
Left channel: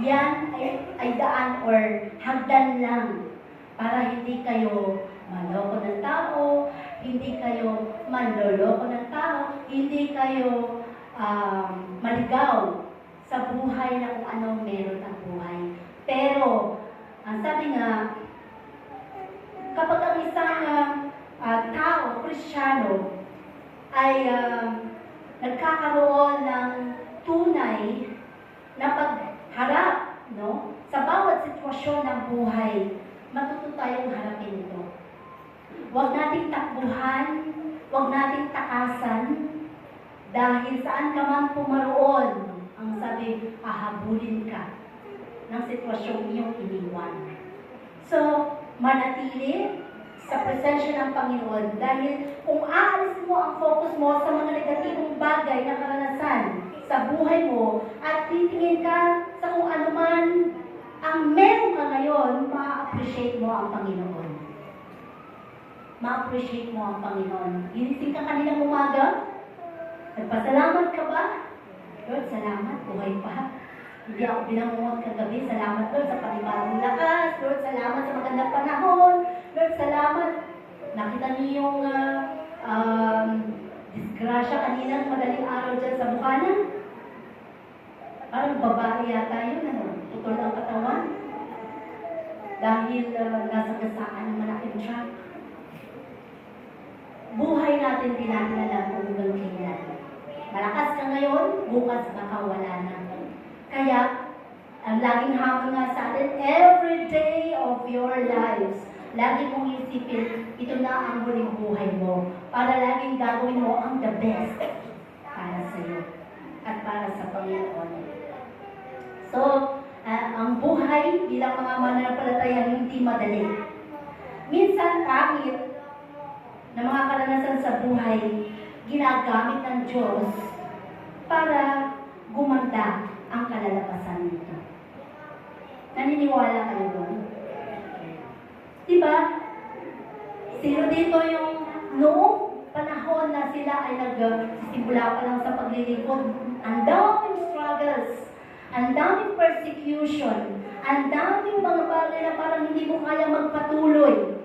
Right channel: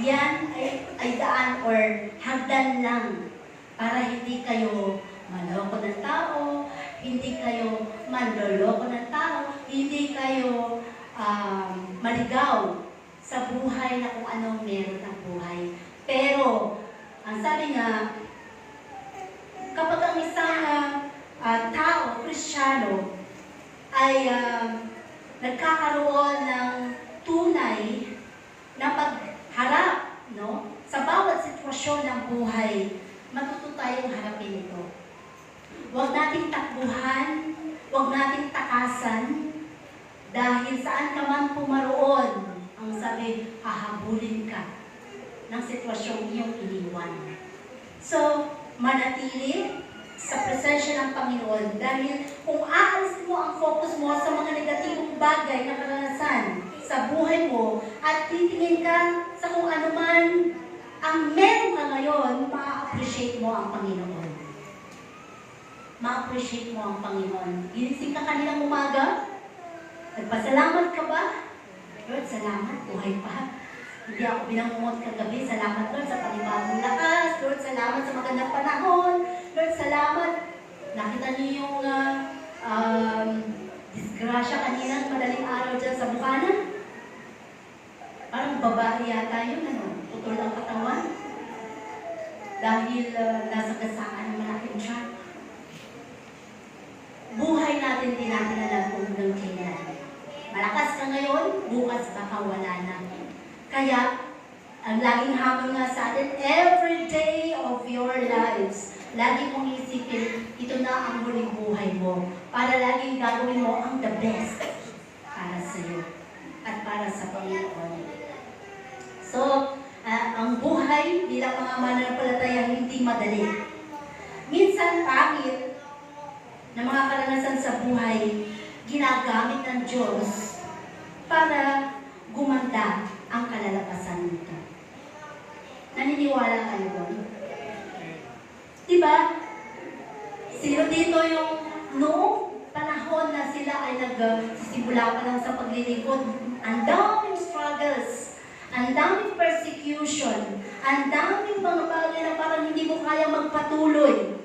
yan ay daan or hagdan lang para hindi kayo maloko ng tao, hindi kayo manloloko ng tao, hindi kayo maligaw sa buhay na kung anong meron ang buhay. Pero, ang sabi nga, kapag ang isang tao, Kristiyano, ay nagkakaroon ng tunay na pagharap, no? Sa bawat sitwasyon ng buhay, matuto tayong harapin ito. Huwag nating takbuhan, huwag nating takasan, dahil saan ka man pumaroon, ang sabi, hahabulin ka ng sitwasyong iyong iniwan. So, manatili sa presensya ng Panginoon, dahil kung aalis mo ang focus mo sa mga negatibong bagay na karanasan sa buhay mo at titingin ka sa kung ano man ang meron ka ngayon, ma-appreciate mo ang Panginoon. Ma-appreciate mo ang Panginoon. Ginising ka kaninang umaga? Nagpasalamat ka ba? Lord, salamat, buhay pa. Hindi ako binangungot kagabi. Salamat, Lord, sa panibagong lakas. Lord, salamat sa magandang panahon. Lord, salamat. Nakita niyo yung disgrasya kaninang madaling araw dyan sa Bukana? Parang babae yata yun, putol ang katawan. Dahil nasa gasaan ng malaking truck. Buhay natin, din natin alam kung hanggang kailan. Malakas ka ngayon, bukas baka wala na. Kaya, ang laging hamon nga sa atin, every day of your lives, lagi mong isipin, ito na ang huling buhay mo. Para laging gagawin mo ang the best para sa iyo at para sa Panginoon. So, ang buhay bilang mga mananampalataya hindi madali. Minsan, pangit na mga karanasan sa buhay, ginagamit ng Diyos para gumanda ang kalalabasan nito. Naniniwala kayo doon? Diba? Sino dito yung noong panahon na sila ay nagsisimula pa lang sa paglilingkod, ang daming struggles, ang daming persecution, ang daming mga bagay na parang hindi mo kaya magpatuloy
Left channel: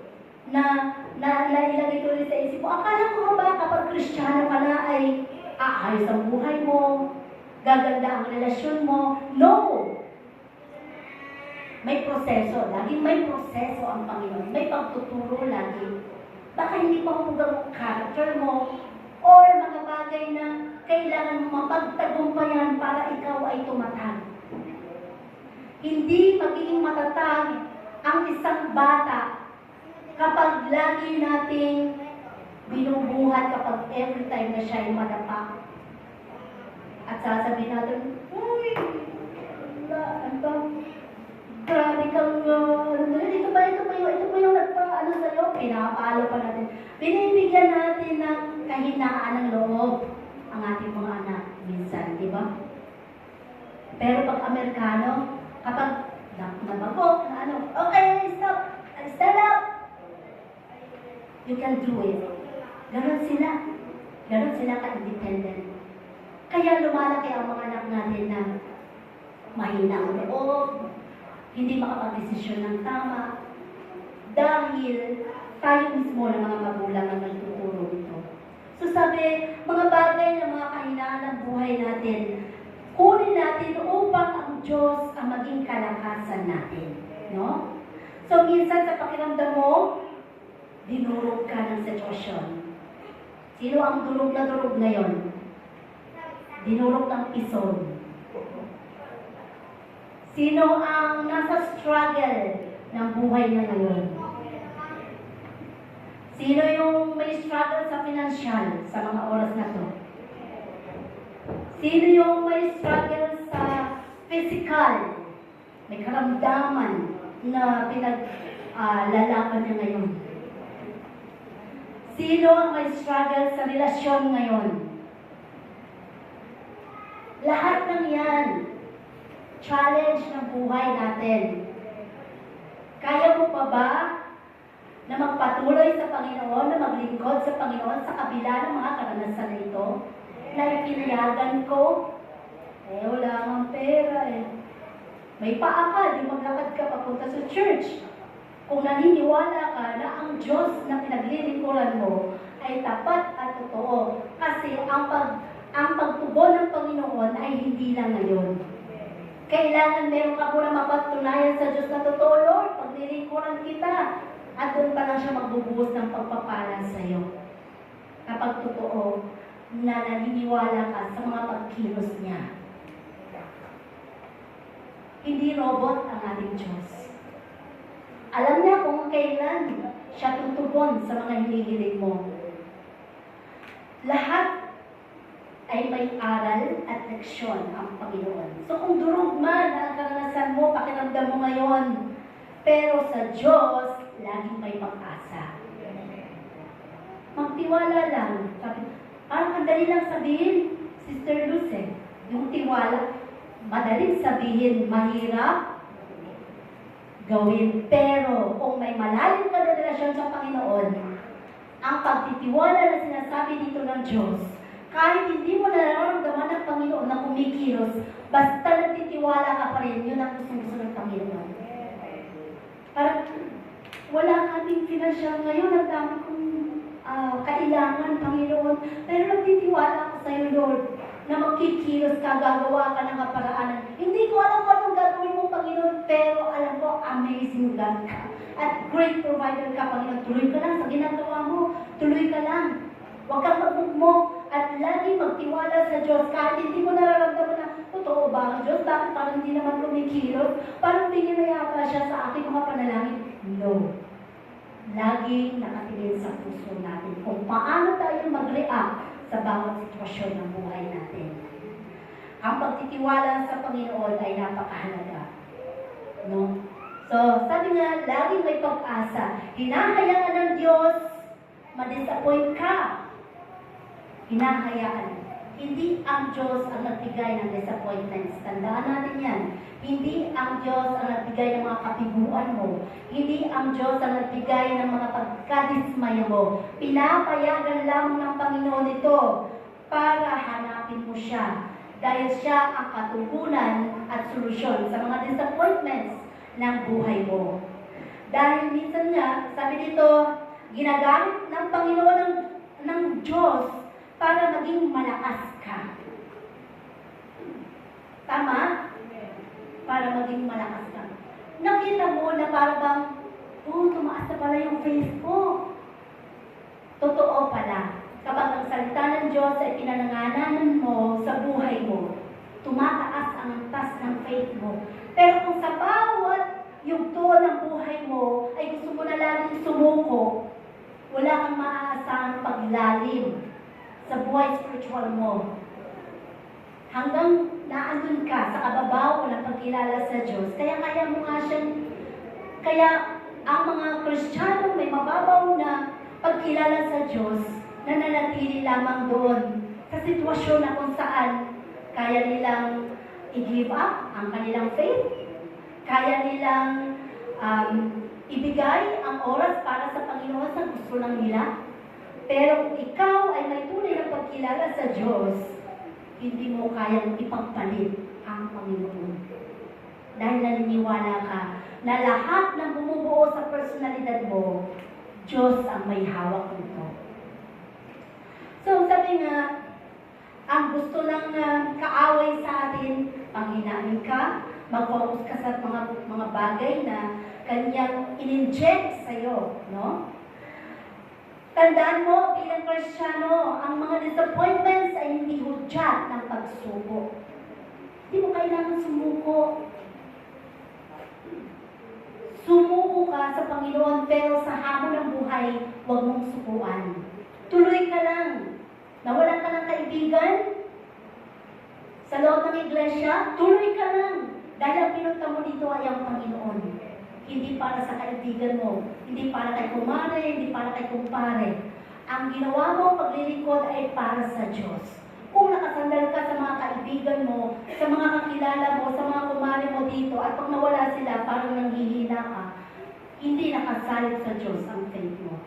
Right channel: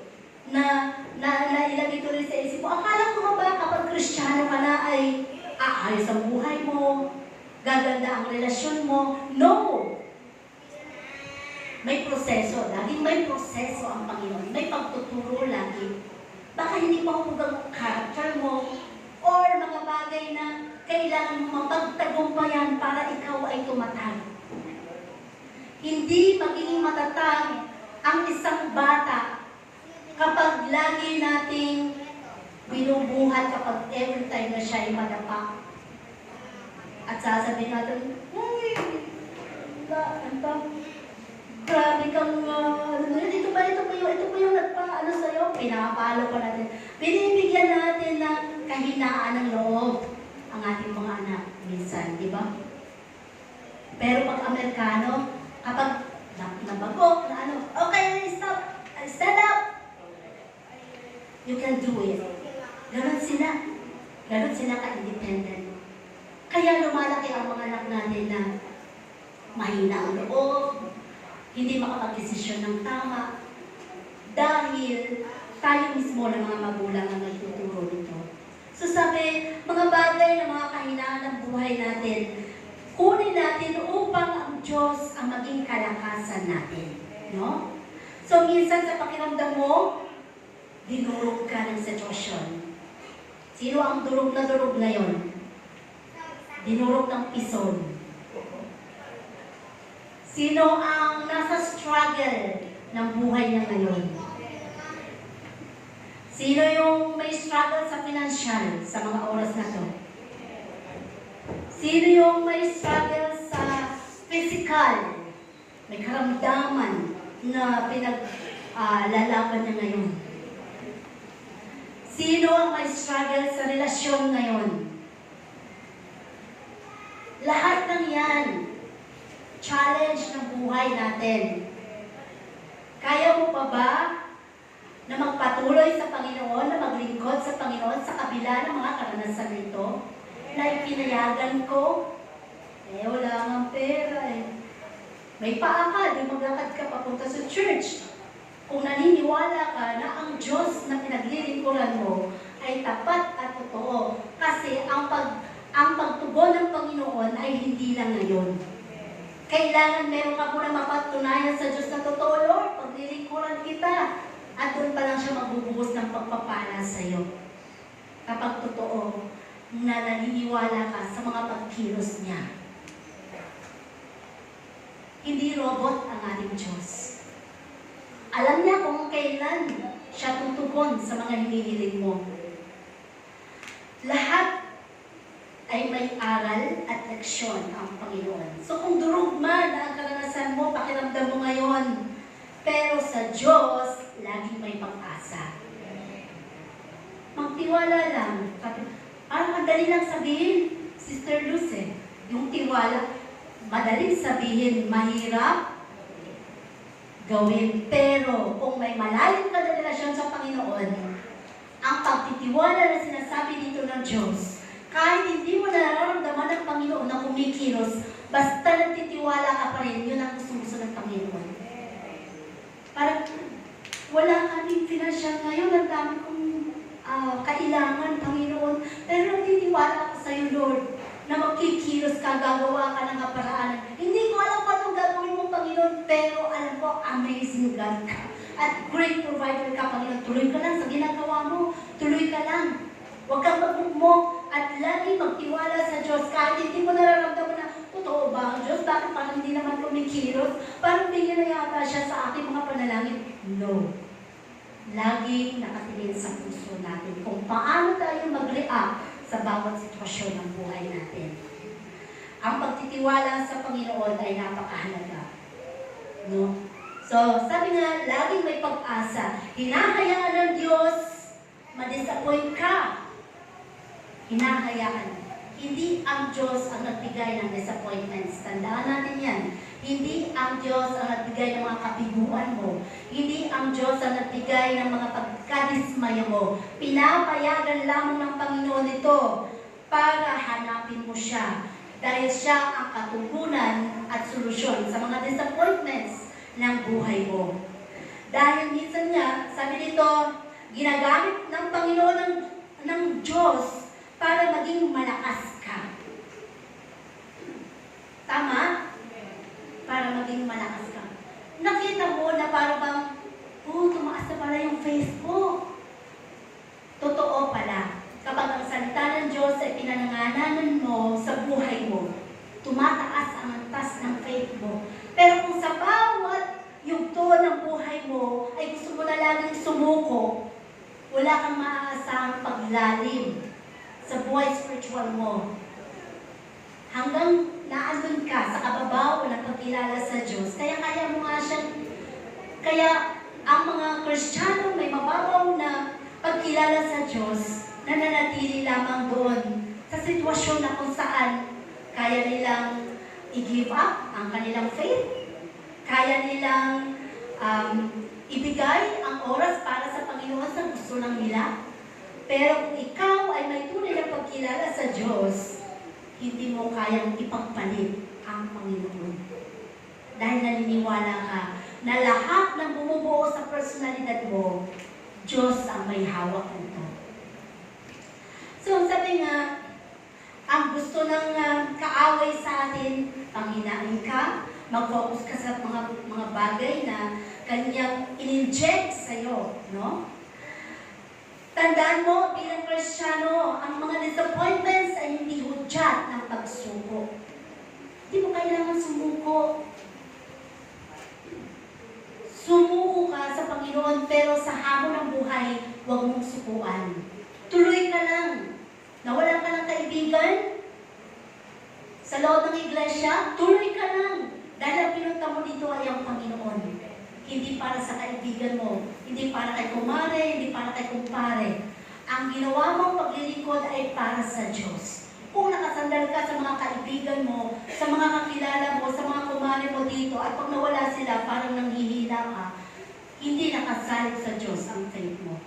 na ilagay ko rin sa isip mo. Akala ko ba kapag Kristiyano ka na ay aayos ang buhay mo, gaganda ang relasyon mo? No! May proseso. Laging may proseso ang Panginoon. May pagtuturo lagi. Baka hindi pa humugang character mo or mga bagay na kailangan mo mapagtagumpayan para ikaw ay tumatag. Hindi magiging matatag ang isang bata kapag lagi nating binubuhat kapag every time na siya ay madapa. At sasabihin natin, uy, grabe kang, ito pa yung nagpa-ano sa'yo, pinapalo pa natin. Binibigyan natin ng kahinaan ng loob ang ating mga anak. Pero pag Amerikano, kapag nababok na ano, okay, stop, stand up. You can do it. Ganon sila ka-independent. Kaya lumalaki ang mga anak natin na mahina ang loob, hindi makapag-desisyon ng tama, dahil tayo mismo ng mga magulang ang nagtuturo nito. So sabi, mga bagay na mga kahinaan ng buhay natin, kunin natin upang ang Diyos ang maging kalakasan natin. No? So minsan sa pakiramdam mo, dinurog ka ng sitwasyon. Sino ang durog na durog ngayon? Dinurog ng pison. Sino ang nasa struggle ng buhay na ngayon? Sino yung may struggle sa financial sa mga oras na to? Sino yung may struggle sa physical? May karamdaman na pinaglalaban niya ngayon? Sino ang may struggle sa relasyon ngayon? Lahat ng yan, challenge ng buhay natin. Kaya mo pa ba na magpatuloy sa Panginoon, na maglingkod sa Panginoon sa kabila ng mga karanasan nito? Na ipinayagan ko, wala kang pera May paa ka, di maglakad ka papunta sa church. Kung naniniwala ka na ang Diyos na pinaglilingkuran mo ay tapat at totoo, kasi ang pagtugon ng Panginoon ay hindi lang ngayon. Kailangan meron ka muna mapatunayan sa Diyos na totoo, Lord, paglilingkuran kita. At doon pa lang siya magbubuhos ng pagpapala sa iyo. Kapag totoo na naniniwala ka sa mga pagkilos niya. Hindi robot ang ating Diyos. Alam niya kung kailan siya tutugon sa mga hinihiling mo. Lahat ay may aral at leksyon ang Panginoon. So kung durog man ang karanasan mo, pakiramdam mo ngayon, pero sa Diyos, laging may pag-asa. Magtiwala lang. Parang madali lang sabihin, Sister Luz, yung tiwala, madaling sabihin, mahirap gawin. Pero kung may malalim ka na relasyon sa Panginoon, ang pagtitiwala na sinasabi dito ng Diyos, kahit hindi mo nararamdaman ng Panginoon na kumikilos, basta nagtitiwala ka pa rin, yun ang gusto ng Panginoon. Parang wala kaming financial ngayon, ang dami kong kailangan, Panginoon, pero nagtitiwala ako sa iyo, Lord, na magkikilos ka, gagawa ka ng kaparaanan. Hindi ko alam kung anong gagawin mo, Panginoon, pero alam ko, amazing God ka. At great provider ka, Panginoon. Tuloy ka lang sa ginagawa mo. Tuloy ka lang. Huwag kang magmugmok at lagi magtiwala sa Diyos. Kahit hindi mo nararamdaman na, totoo ba ang Diyos? Bakit parang hindi naman kumikilos? Parang tingin na yata siya sa ating mga panalangin. No. Lagi nakatingin sa puso natin kung paano tayo mag-react sa bawat sitwasyon ng buhay natin. Ang pagtitiwala sa Panginoon ay napakahalaga. No? So, sabi nga, laging may pag-asa. Hinahayaan ng Diyos, ma-disappoint ka. Hinahayaan. Hindi ang Diyos ang nagbigay ng disappointments. Tandaan natin yan. Hindi ang Diyos ang nagbigay ng mga kabiguan mo. Hindi ang Diyos ang nagbigay ng mga pagkadismaya mo. Pinapayagan lamang ng Panginoon ito para hanapin mo siya. Dahil siya ang katugunan at solusyon sa mga disappointments ng buhay mo. Dahil minsan nga, sabi dito, ginagamit ng Panginoon ng Diyos para maging malakas ka. Tama? Para maging malakas ka. Nakita mo na parang bang, tumaas na pala yung Facebook. Totoo pala. Kapag ang salita ng Diyos ay pinanangananan mo sa buhay mo, tumataas ang antas ng faith mo. Pero kung sa bawat yugto ng buhay mo ay gusto mo na laging sumuko, wala kang maaasahang paglalim sa buhay spiritual mo. Hanggang naandun ka sa kababaw ng pagkilala sa Diyos. Kaya mo nga siyang, kaya ang mga Kristiyano may mababaw na pagkilala sa Diyos na nanatili lamang doon sa sitwasyon na kung saan kaya nilang i-give up ang kanilang faith. Kaya nilang ibigay ang oras para sa Panginoon sa gusto lang nila. Pero kung ikaw ay may tunay na pagkilala sa Diyos, hindi mo kayang ipagpalit ang Panginoon. Dahil naniniwala ka na lahat ng bumubuo sa personalidad mo, Diyos ang may hawak nito. So sabi nga, ang gusto ng kaaway sa atin, panghinain ka, mag-focus ka sa mga bagay na kanyang in-inject sa'yo, no? Tandaan mo, bilang Kristiyano, ang mga disappointments ay hindi hudyat ng pagsuko. Hindi mo kailangan sumuko. Sumuko ka sa Panginoon, pero sa hamon ng buhay, huwag mong sukuan. Tuloy ka lang. Nawalan ka ng kaibigan sa loob ng iglesia, tuloy ka lang. Dahil ang pinunta mo dito ay ang Panginoon. Hindi para sa kaibigan mo, hindi para kay kumare, hindi para kay kumpare. Ang ginawa mo paglilingkod ay para sa Diyos. Kung nakasandal ka sa mga kaibigan mo, sa mga kakilala mo, sa mga kumare mo dito, at pag nawala sila, parang nanghihina ka, hindi nakasalig sa Diyos ang faith mo.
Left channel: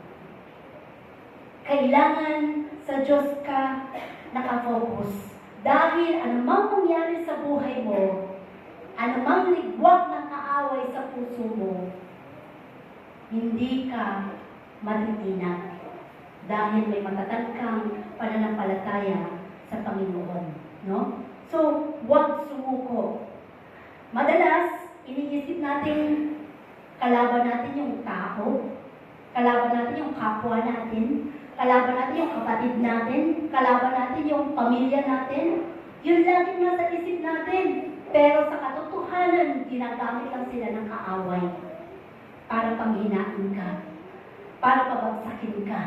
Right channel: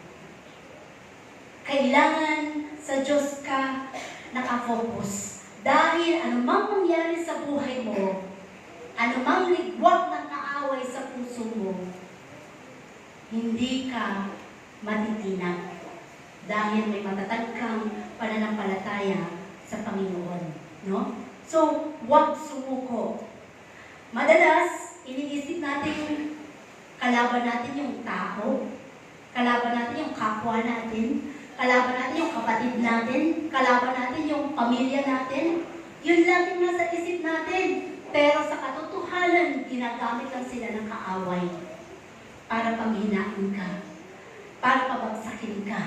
Kailangan sa Diyos ka nakafocus. Dahil anumang mangyari sa buhay mo, anumang ligwak ng kaaway sa puso mo, hindi ka matitinag. Dahil may matatag kang pananampalataya sa Panginoon. No? So, huwag sumuko. Madalas, iniisip natin, kalaban natin yung tao, kalaban natin yung kapwa natin, kalaban natin yung kapatid natin, kalaban natin yung pamilya natin. Yun lang yung nasa isip natin. Pero sa katotohanan, ginagamit lang sila ng kaaway para panghinaan ka, para pabagsakin ka.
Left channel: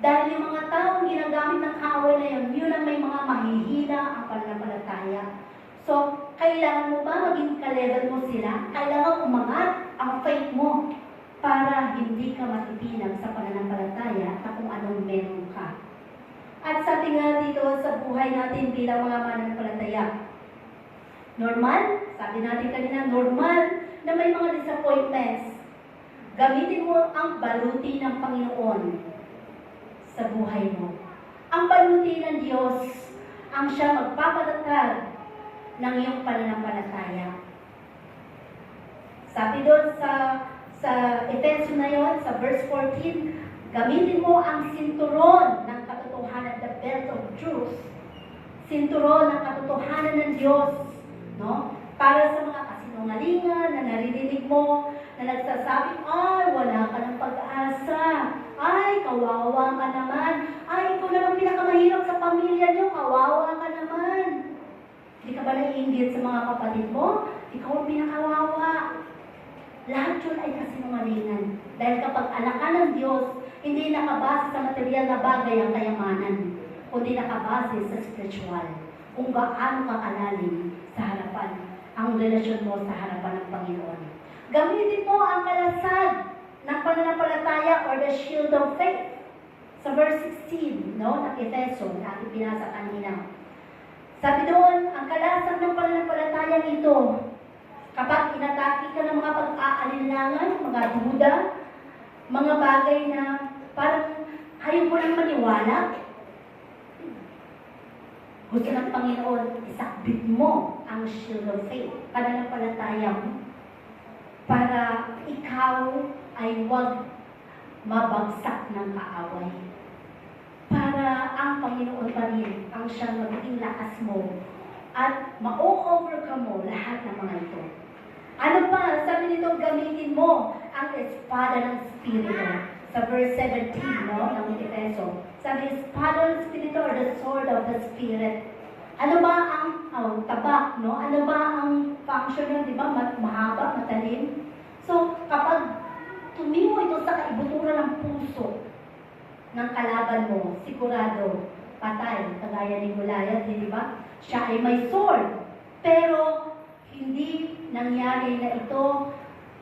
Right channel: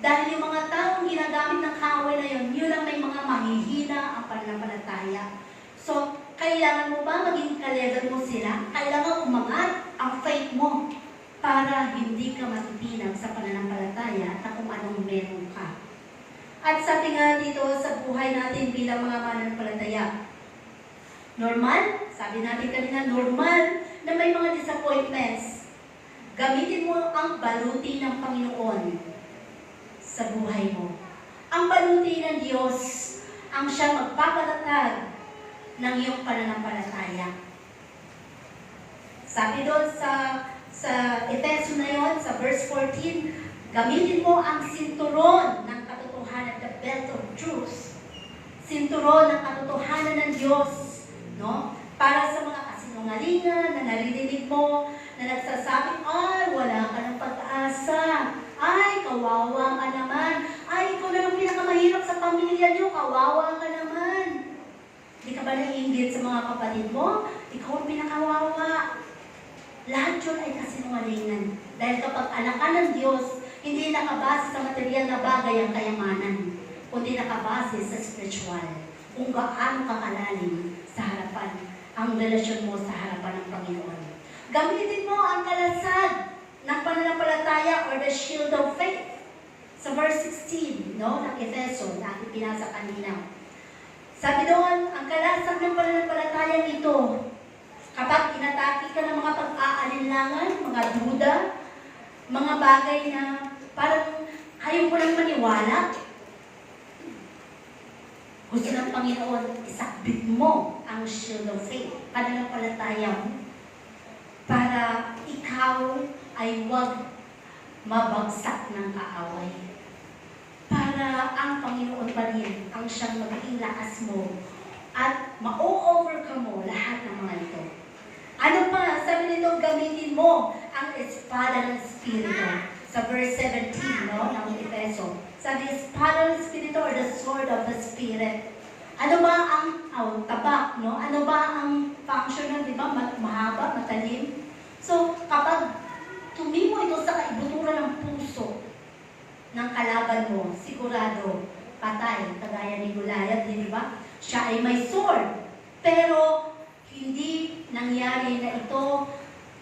Dahil yung mga taong ginagamit ng kaaway na yun ang may mga mahihina ang pananampalataya. So, kailangan mo ba maging kalegal mo sila? Kailangan umangat ang faith mo para hindi ka matitinag sa pananampalataya na kung anong meron ka. At sabi nga dito sa buhay natin bilang mga mananampalataya, normal, sabi natin kanina, normal na may mga disappointments. Gamitin mo ang baluti ng Panginoon sa buhay mo. Ang baluti ng Diyos ang siya magpapatatag ng iyong pananampalataya. Sabi doon sa Efeso na yon, sa verse 14, gamitin mo ang sinturon ng katotohanan, the belt of truth. Sinturon ng katotohanan ng Diyos, no? Para sa mga kasinungalingan na naririnig mo, na nagsasabi, ay, wala ka ng pag-asa. Ay, kawawa ka naman. Ay, ikaw na lang pinakamahirap sa pamilya niyo. Kawawa ka naman. Hindi ka ba naiinggit sa mga kapatid mo? Ikaw ang pinakawawa. Lahat yun ay kasinungalingan. Dahil kapag anak ka ng Diyos, hindi nakabase sa material na bagay ang kayamanan, kundi nakabase sa spiritual. Kung gaano ka kalalim sa harapan, ang relasyon mo sa harapan ng Panginoon. Gamitin mo ang kalasag ng pananampalataya or the shield of faith. Sa verse 16, no, ng Efeso, na ating pinasa kanina. Sabi doon, ang kalasag ng pananampalataya nito, kapag inatake ka ng mga pag-aalinlangan, mga duda, mga bagay na parang ayaw mo lang maniwala, gusto ng Panginoon, isakbit mo ang shield of faith, pananampalataya mo, para ikaw ay huwag mabagsak ng kaaway. Para ang Panginoon pa rin ang siyang magiging lakas mo at ma-overcome mo lahat ng mga ito. Ano pa? Sabi nito, gamitin mo ang espada ng Espiritu. Sa verse 17, no, ng Efeso. Sabi, espada ng Espiritu or the sword of the Spirit. Ano ba ang tabak, no? Ano ba ang function nun, di ba? Mahaba, matalim. So, kapag tumimo ito sa kaibuturan ng puso ng kalaban mo, sigurado, patay, kagaya ni Goliath, di ba? Siya ay may sword, pero hindi nangyari na ito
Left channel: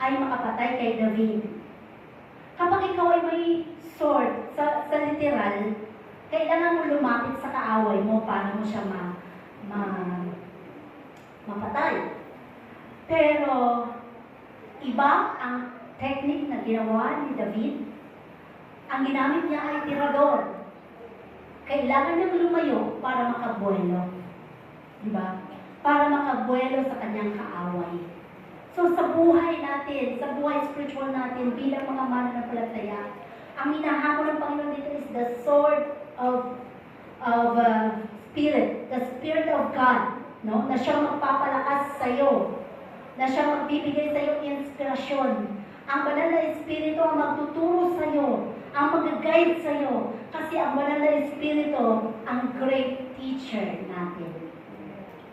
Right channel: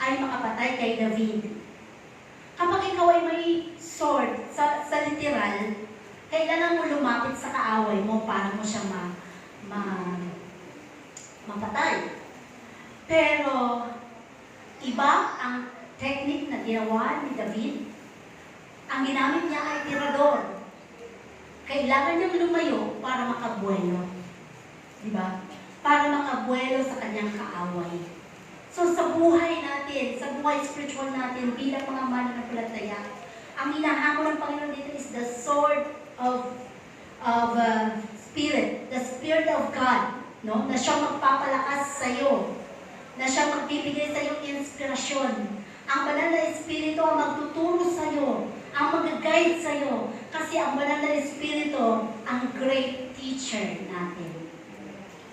ay makapatay kay David. Kapag ikaw ay may sword, sa literal, kailangan mo lumapit sa kaaway mo para mo siya mapatay. Pero, iba ang technique na ginawa ni David. Ang ginamit niya ay tirador. Kailangan niyang lumayo para makabuelo. Diba? Para makabuelo sa kanyang kaaway. So sa buhay natin, sa buhay spiritual natin, bilang mga mananampalataya, ang hinahamon ng Panginoon dito is the sword of Spirit, the Spirit of God, no? Na siyang magpapalakas sa iyo, na siyang magbibigay sa iyo inspirasyon. Ang banal na Espiritu ang magtuturo sa iyo, ang mag-guide sa iyo, kasi ang banal na Espiritu ang great teacher natin.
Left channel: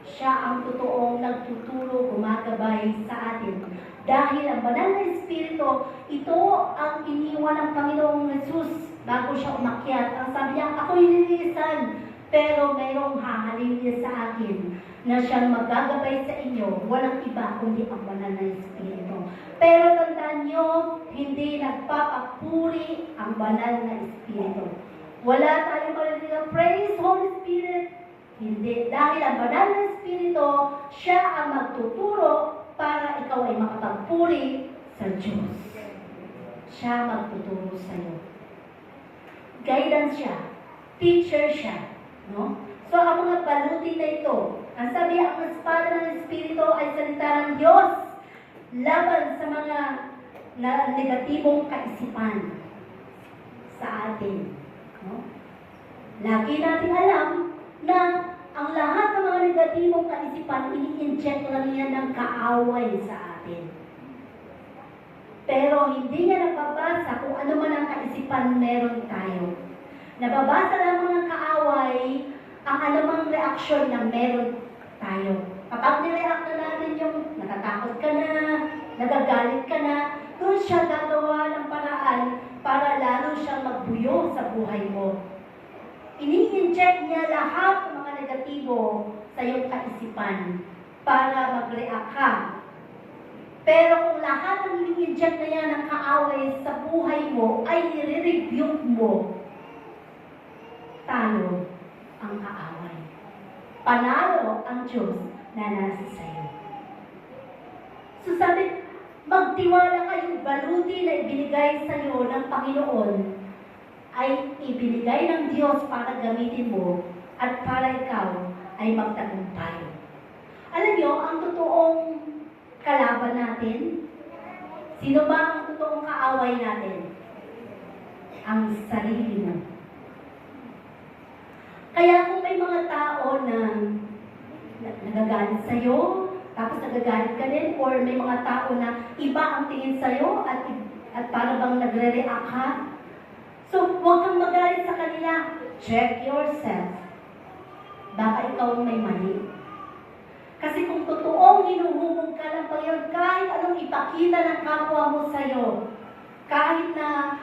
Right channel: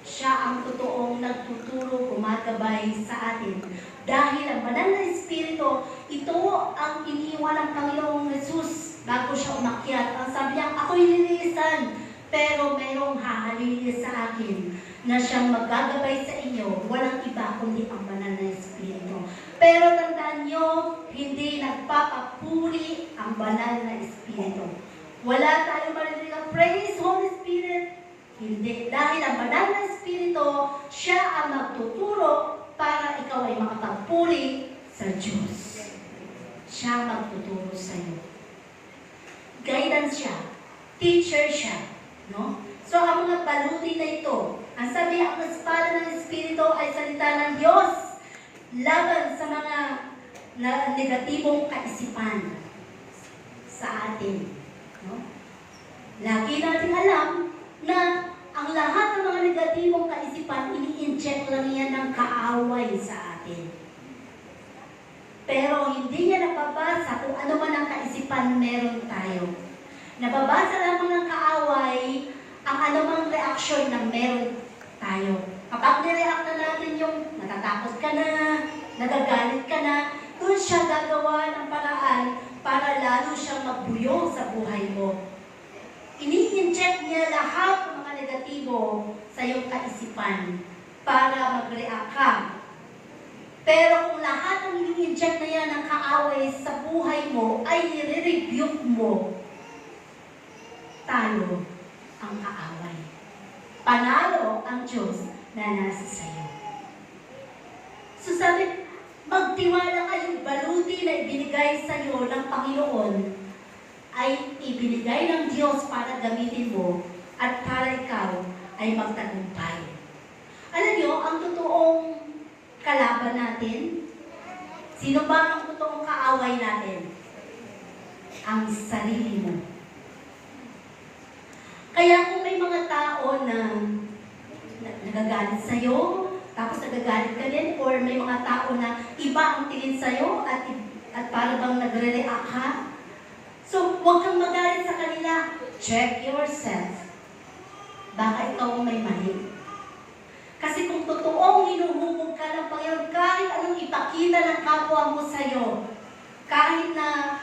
Siya ang totoong nagtuturo, gumagabay sa atin. Dahil ang banal na Espiritu, ito ang iniwan ng Panginoong Jesus bago siya umakyat. Ang sabi niya, ako'y lilinisan, pero mayroong hahalilis sa akin na siyang magagabay sa inyo. Walang iba kundi ang banal na Espiritu. Pero tandaan niyo, hindi nagpapapuri ang banal na Espiritu. Wala tayong marinig ng praise, Holy Spirit. Hindi. Dahil ang banal na Espiritu, siya ang magtuturo para ikaw ay makapagpuri sa Diyos. Siya magtuturo sa iyo. Guidance siya. Teacher siya. No? So, ang mga baluti na ito, ang sabi, ang espada ng Espiritu ay salita ng Diyos laban sa mga negatibong kaisipan sa atin. No? Lagi natin alam na ang lahat ng mga negatibong kaisipan, ini-inject lang yan ng kaaway sa atin. Pero hindi niya nababasa kung ano man ang kaisipan meron tayo. Nababasa lamang ng kaaway ang anumang reaksyon na meron tayo. Kapag nireact na natin yung natatakot ka na, nagagalit ka na, doon siya gagawa ng paraan para lalo siyang magbuyo sa buhay mo. Ini-inject niya lahat ng mga negatibo sa iyong kaisipan para mag-react ka. Pero kung lahat ng ini-inject na yan ng kaaway sa buhay mo ay i-rebuke mo, talo ang kaaway. Panalo ang Diyos na nasa sa iyo. So sabi, magtiwala kayo, baluti na ibinigay sa iyo ng Panginoon ay ibinigay ng Diyos para gamitin mo at para ikaw ay magtagumpay. Alam niyo, ang totoong kalaban natin, sino ba ang totoong kaaway natin? Ang sarili mo. Kaya kung may mga tao na nagagalit sa'yo, tapos nagagalit ka din, or may mga tao na iba ang tingin sa'yo at para bang nagre-react ka, so, huwag kang magalit sa kanila. Check yourself. Baka ikaw may mali. Kasi kung totoong hinuhubog ka ng Panginoon, kahit anong ipakita ng kapwa mo sa'yo, kahit na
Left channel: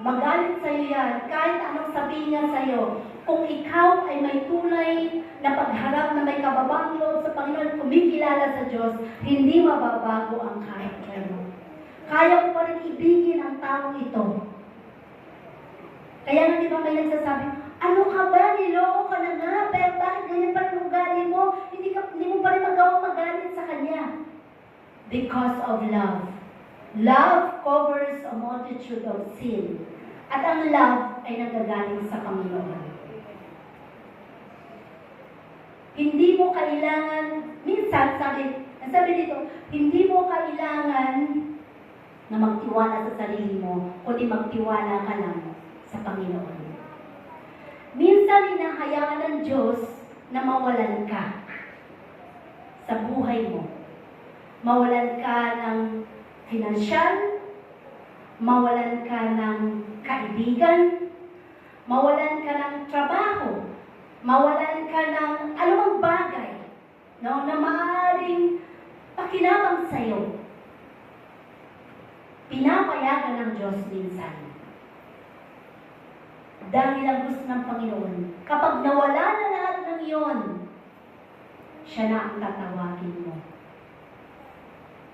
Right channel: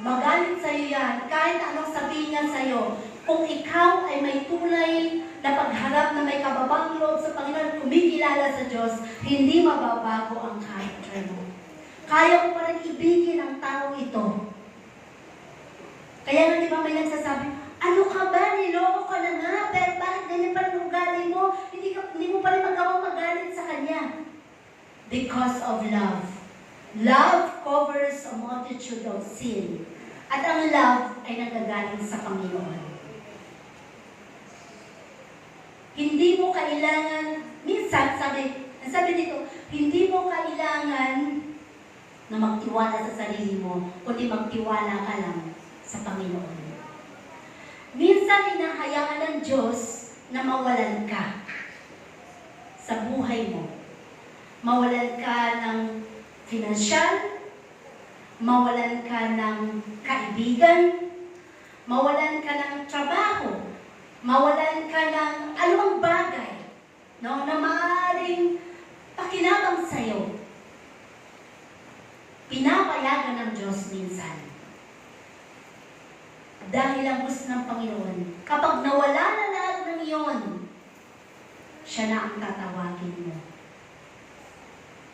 magalit sa'yo yan, kahit anong sabihin niya sa'yo, kung ikaw ay may tunay na pagharap na may kababang loob sa Panginoon, kumikilala sa Diyos, hindi mababago ang character mo. Kaya mo pa rin ibigin ang taong ito. Kaya na di ba may nagsasabi, ano ka ba, niloko ka na nga, pero bakit ganyan pa rin ugali mo? Hindi mo pa rin magawang magalit sa Kanya. Because of love. Love covers a multitude of sin. At ang love ay nagagaling sa Panginoon. Hindi mo kailangan, minsan sabi dito, hindi mo kailangan na magtiwala sa sarili mo, kundi magtiwala ka lang sa Panginoon. Minsan hinahayaan ng Diyos na mawalan ka sa buhay mo. Mawalan ka ng financial, mawalan ka ng kaibigan, mawalan ka ng trabaho, mawalan ka ng anumang bagay, no, na maaaring pakinabang sa'yo. Pinapayagan ng Diyos minsan. Dahil ang gusto ng Panginoon, kapag nawala na lahat ng iyon, siya na ang tatawagin mo.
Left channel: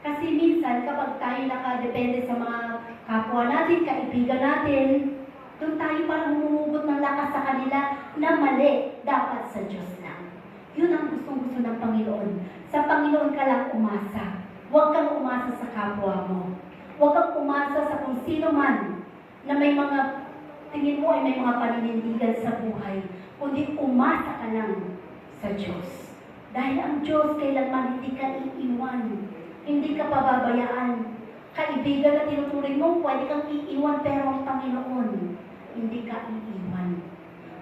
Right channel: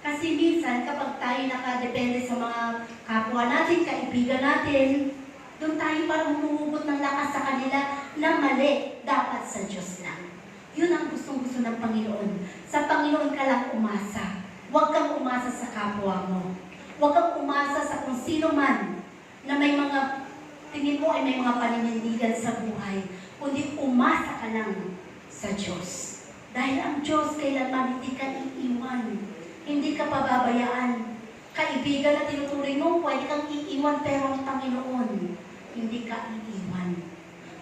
Kasi minsan, kapag tayo nakadepende sa mga kapwa natin, kaibigan natin, doon tayo parang humuhugot ng lakas sa kanila na mali, dapat sa Diyos lang. Yun ang gustong-gusto ng Panginoon. Sa Panginoon ka lang umasa. Huwag kang umasa sa kapwa mo. Huwag kang umasa sa kung sino man na may mga, tingin mo ay may mga paninindigan sa buhay. Kundi umasa ka lang sa Diyos. Dahil ang Diyos kailanman hindi ka iiwan. Hindi ka pababayaan. Kaibigan na tinuturing mo, pwede kang iiwan, pero ang Panginoon, hindi ka iiwan.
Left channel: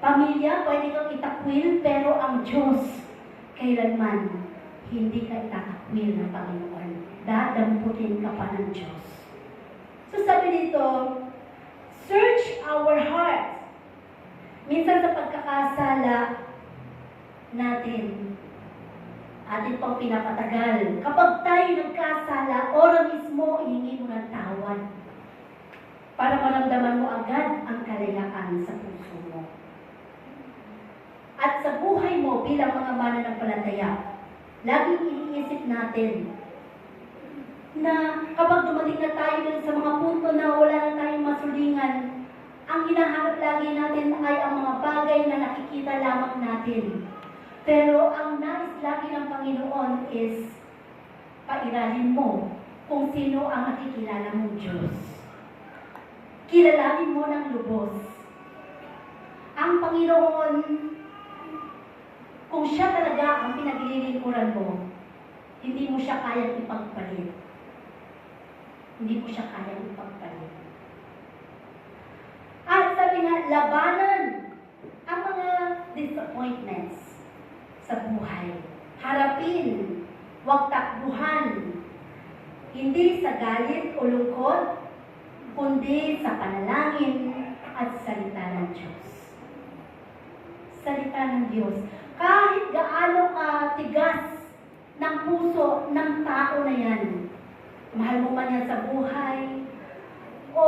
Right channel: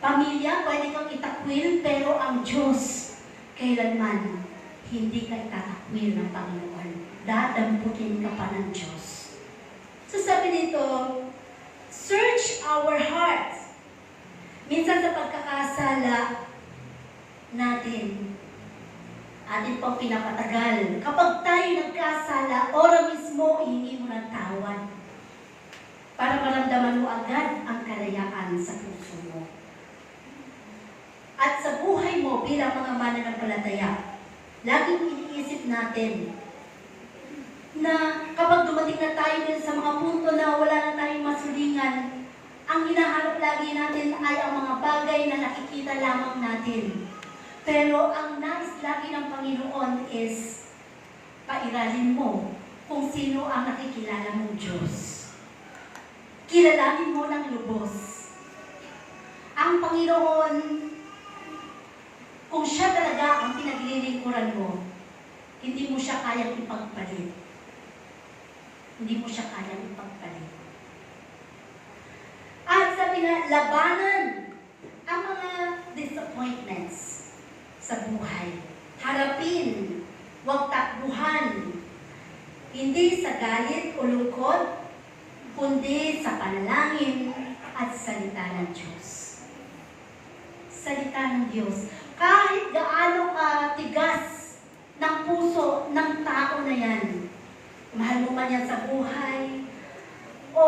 Pamilya, pwede kang itakwil, pero ang Diyos, kailanman, hindi ka itatakwil ng Panginoon. Dadamputin ka pa ng Diyos. So sabi dito, search our hearts. Minsan sa pagkakasala natin, atin pang pinapatagal. Kapag tayo nagkasala, ora mismo, ihingi mo ng tawad. Para maramdaman mo agad ang kalayaan sa puso mo. At sa buhay mo bilang mga mananampalataya, laging iniisip natin na kapag dumating na tayo din sa mga punto na wala na tayong masulingan, ang hinahanap lagi natin ay ang mga bagay na nakikita lamang natin. Pero ang nais lagi ng Panginoon is pairalin mo kung sino ang nakikilala mong Diyos. Kilalanin mo ng lubos. Ang Panginoon, kung siya talaga ang pinaglilingkuran mo, hindi mo siya kayang ipagpalit. Hindi mo siya kayang ipagpalit. At sabi nga, labanan ang mga disappointments sa buhay. Harapin, huwag takbuhan. Hindi sa galit o lungkot, kundi sa panalangin at salita ng Diyos. Salita ng Diyos. Kahit gaano tigas ng puso ng tao na yan, mahal mo man yan sa buhay, o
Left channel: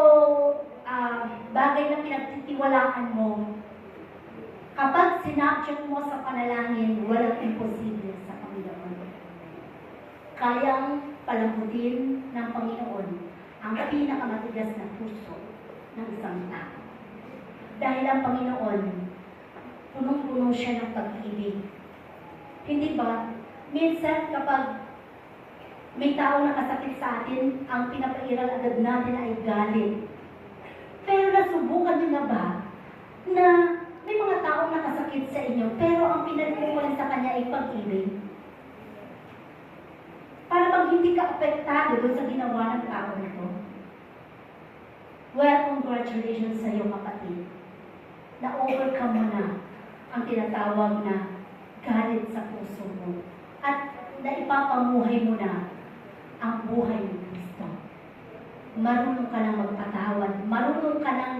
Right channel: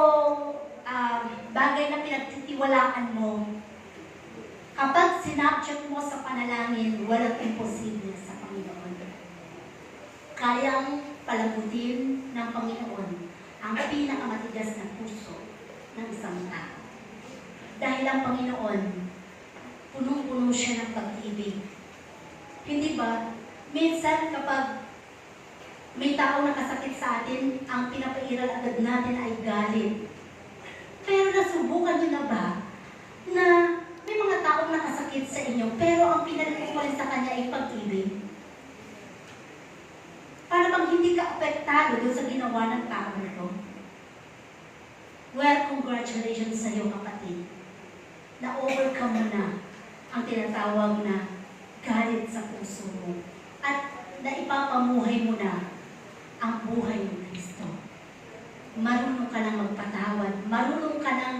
bagay na pinagtitiwalaan mo, kapag sinabject mo sa panalangin, walang imposible sa Panginoon. Kayang palabutin ng Panginoon ang pinakamatigas na puso ng isang tao. Dahil ang Panginoon, punong-puno siya ng pag-ibig. Hindi ba? Minsan kapag may tao nakasakit sa atin, ang pinapairal agad natin ay galit. Pero nasubukan niyo na ba na may mga taong nakasakit sa inyo, pero ang pinalikuhan sa kanya ay pag-ibig? Para bang hindi ka apektado doon sa ginawa ng tao na ito? Well, congratulations sa iyo, kapatid. Na-overcome mo na ang tinatawag na galit sa puso mo. At naipapamuhay mo na ang buhay ng Kristo. Marunong ka nang magpatawad. Marunong ka nang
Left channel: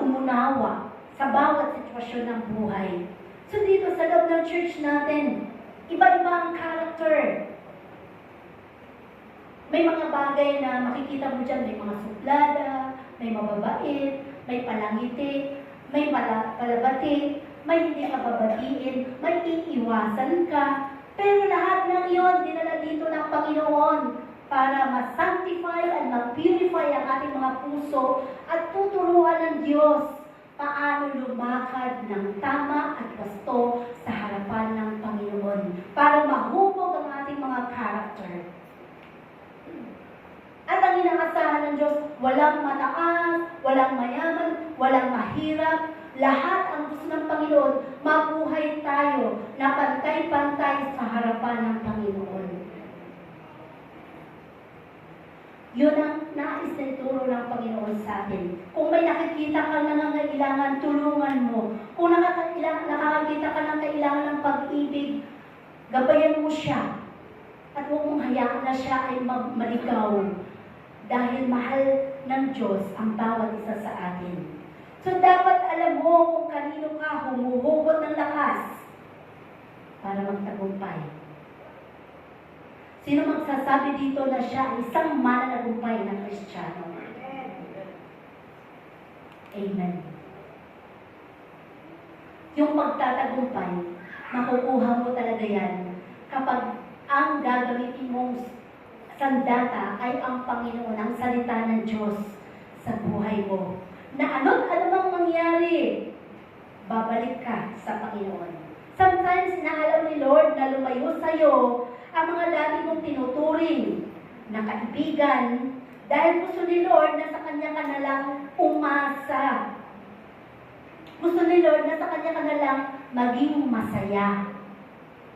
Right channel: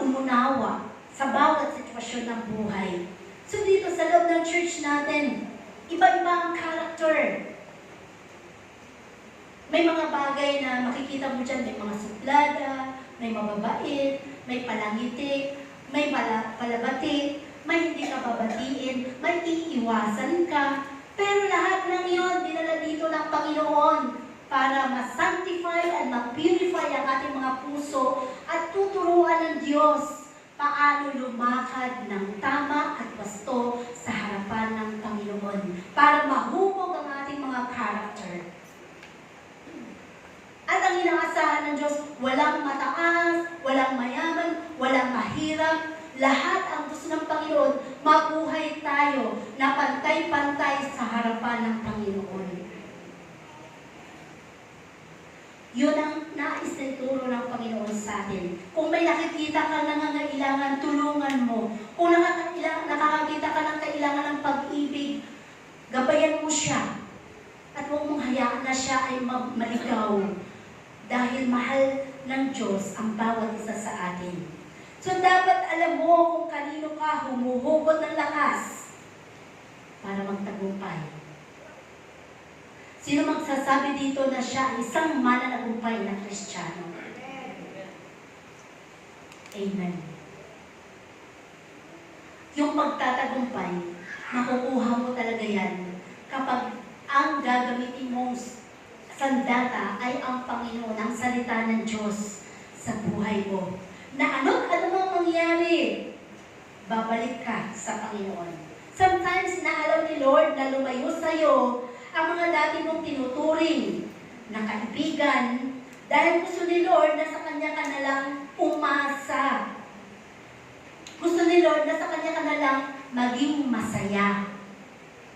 umunawa sa bawat sitwasyon ng buhay. So dito sa loob ng church natin, iba-iba ang character. May mga bagay na makikita mo dyan, may mga suplada, may mababait, may palangiti, may palabati, may hindi ka babatiin, may iiwasan ka. Pero lahat ng iyon, dinala dito ng Panginoon para ma-sanctify at ma-purify ang ating mga puso at tuturuan ng Diyos paano lumakad ng tama at gusto sa harapan ng Panginoon para mahubog ang ating mga character. At ang inaasahan ng Diyos, walang mataas, walang mayaman, walang mahirap. Lahat ang gusto ng Panginoon, mabuhay tayo na pantay-pantay sa harapan ng Panginoon. Yun ang nais na ituro ng Panginoon sa atin. Kung may nakikita ka na nangangailangan, tulungan mo. Kung nakakakita ka ng kailangan ng pag-ibig, gabayan mo siya. At huwag mong hayaan na siya ay maligaw. Dahil mahal ng Diyos ang bawat isa sa atin. So dapat alam mo kung kanino ka humuhugot ng lakas para magtagumpay. Sino magsasabi dito na siya ay isang mananagumpay na Kristiyano? Amen. Yung pagtatagumpay, makukuha mo talaga yan kapag ang gagamitin mong sandata ay ang Panginoon, ang salita ng Diyos sa buhay mo. Na ano bang mangyari? Babalik ka sa Panginoon. Sometimes, naalam ni Lord na lumayo sa'yo ang mga dati mong tinuturing na kaibigan dahil gusto ni Lord na sa Kanya ka na lang umasa. Gusto ni Lord na sa Kanya ka na lang maging masaya.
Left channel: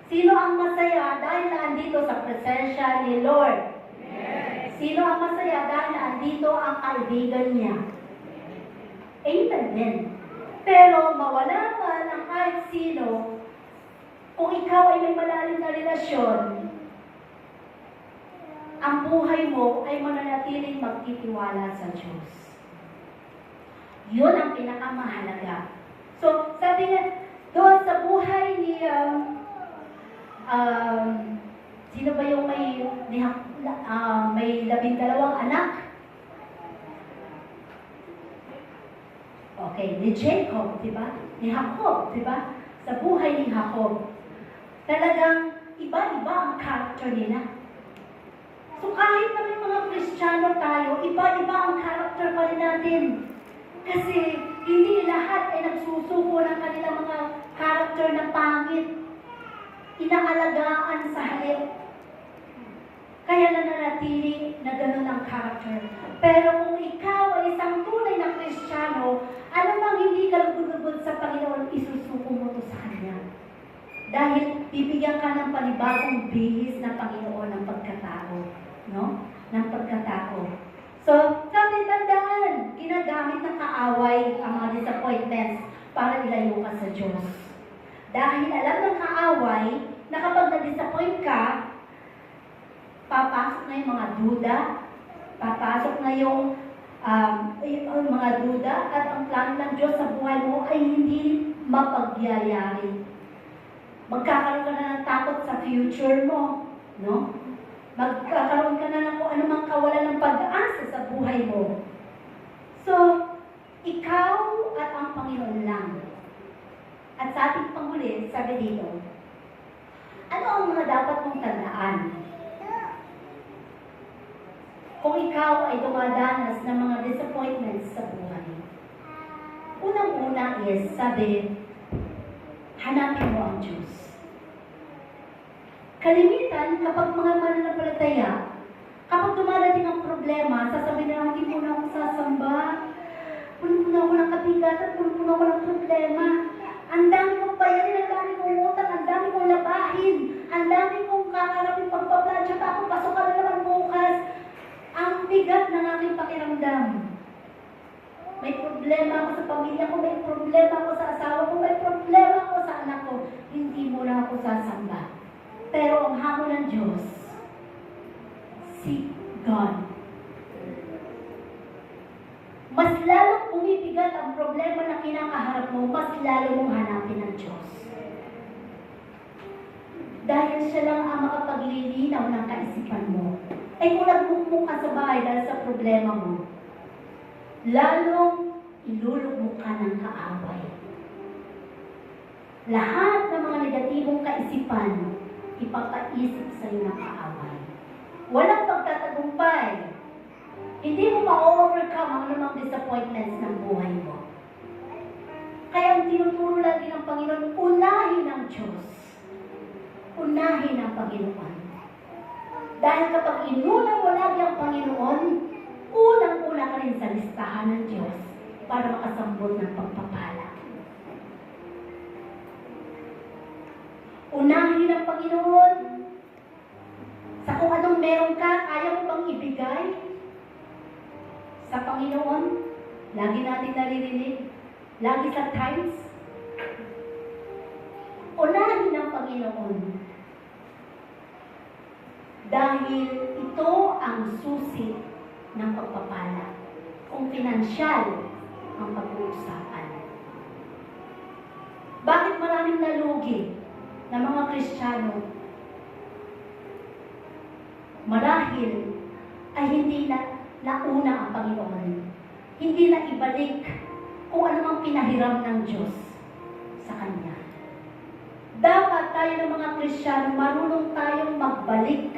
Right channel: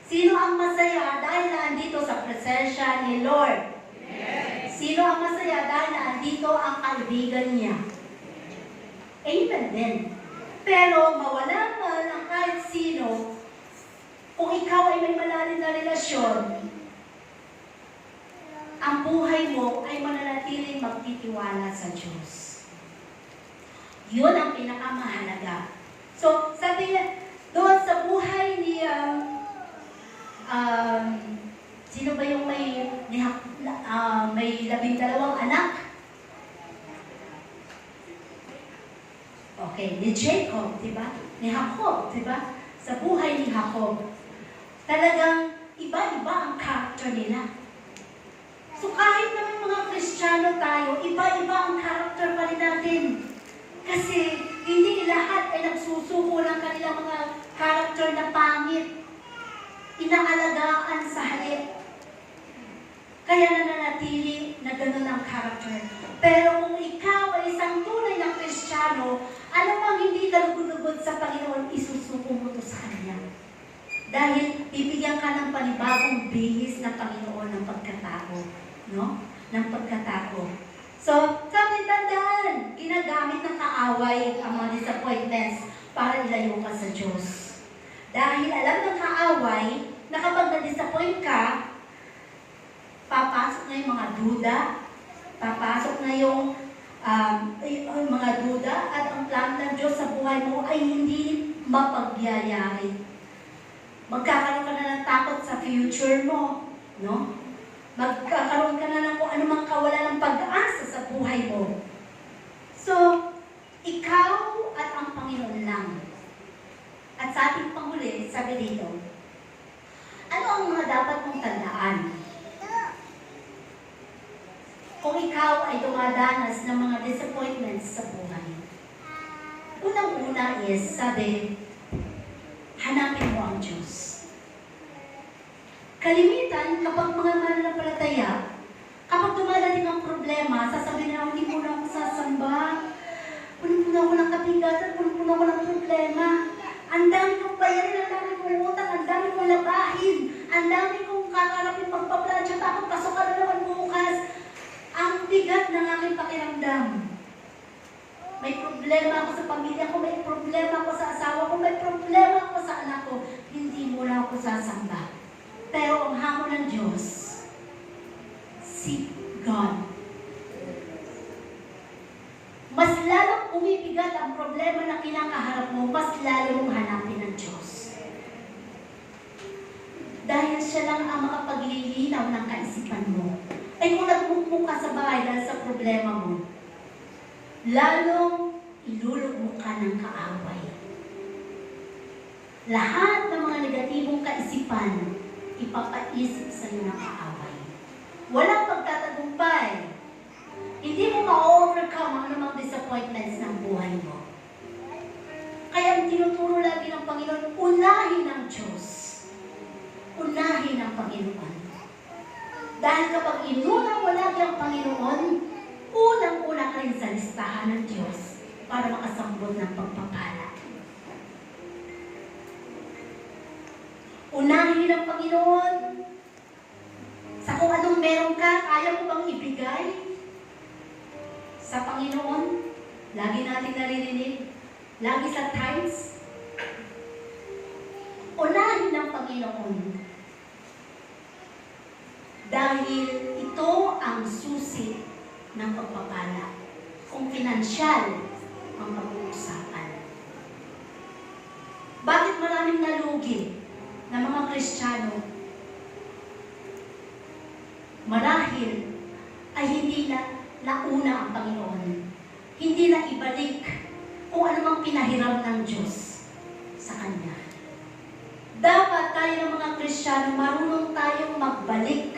Sino ang masaya dahil naandito sa presensya ni Lord? Yes. Sino ang masaya dahil naandito ang kaibigan niya? Amen din. Pero mawala man ang kahit sino, kung ikaw ay may malalim na relasyon, ang buhay mo ay mananatiling magtitiwala sa Diyos. Yun ang pinakamahalaga. So, sabi niya, doon sa buhay ni, sino ba yung may 12 anak? Okay, ni Jacob, di ba? Ni Jacob, di ba? Sa buhay ni Jacob, talagang iba-iba ang character nila. So kahit na may mga Kristiyano tayo, iba-iba ang character pa rin natin. Kasi hindi lahat ay nagsusuko ng kanilang mga character na pangit. Inaalagaan sa halip. Kaya nananatili na gano'n ang character. Pero kung ikaw ay isang tunay na Kristiyano, alam bang hindi ka lugod-lugod sa Panginoon, isusuko mo to sa Kanya. Dahil bibigyan ka ng panibagong bihis na Panginoon ng pagkatao. No? Ng pagkatao. So, sabi, tandaan, ginagamit ng kaaway ang mga disappointments para ilayo ka sa Diyos. Dahil alam ng kaaway na kapag na-disappoint ka, papasok na yung mga duda, papasok na yung mga duda, at ang plano ng Diyos sa buhay mo ay hindi mapagyayari. Magkakaroon ka na ng takot sa future mo, no? Magkakaroon ka na ng kung anumang kawalan ng pag-asa sa buhay mo. So, ikaw at ang Panginoon lang. At sa ating panghuli, sabi dito, ano ang mga dapat mong tandaan? Kung ikaw ay dumadanas ng mga disappointments sa buhay. Unang-una is, sabi, hanapin mo ang Diyos. Kalimitan, kapag mga mananampalataya, kapag dumadating ang problema, sasabihin na, hindi muna ako sasamba, puno-puno ako ng kabigatan, puno-puno ako ng problema, ang dami kong bayarin, ang dami kong utang, ang dami kong labahin, ang dami kong kakarapin pagpapladya, tapos pasok ka na naman bukas. Ang bigat ng aking pakiramdam. May problema ako sa pamilya ko, may problema ako sa asawa ko, may problema ako sa anak ko. Hindi mo na ako sasamba. Pero ang hamon ng Diyos, seek God. Mas lalong umibigat ang problema na kinakaharap mo, mas lalo mong hanapin ng Diyos. Dahil siya lang ang makapaglilinaw ng kaisipan mo. Ay kung nagmukmuk ka sa bahay dahil sa problema mo, lalong ilulugmok ka ng kaaway. Lahat ng mga negatibong kaisipan, ipapaisip sa iyo ng kaaway. Walang pagtatagumpay. Hindi mo ma-overcome ang namang disappointments ng buhay mo. Kaya ang tinuturo lagi ng Panginoon, unahin ang Diyos. Unahin ang Panginoon. Dahil kapag inuna mo lagi ang Panginoon, unang-una ka rin sa listahan ng Diyos para makasambot ng pagpapala. Unahin ang Panginoon sa kung anong meron ka, ayaw mo bang ibigay sa Panginoon? Lagi natin naririnig, lagi sa times. Unahin ang Panginoon. Dahil ito ang susi ng pagpapala. Kung pinansyal ang pag-uusapan. Bakit maraming nalugi na mga Kristiyano? Marahil ay hindi na nauna ang Panginoon. Hindi na ibalik kung ano mang pinahiram ng Diyos sa Kanya. Dapat tayo ng mga Kristiyano, marunong tayong magbalik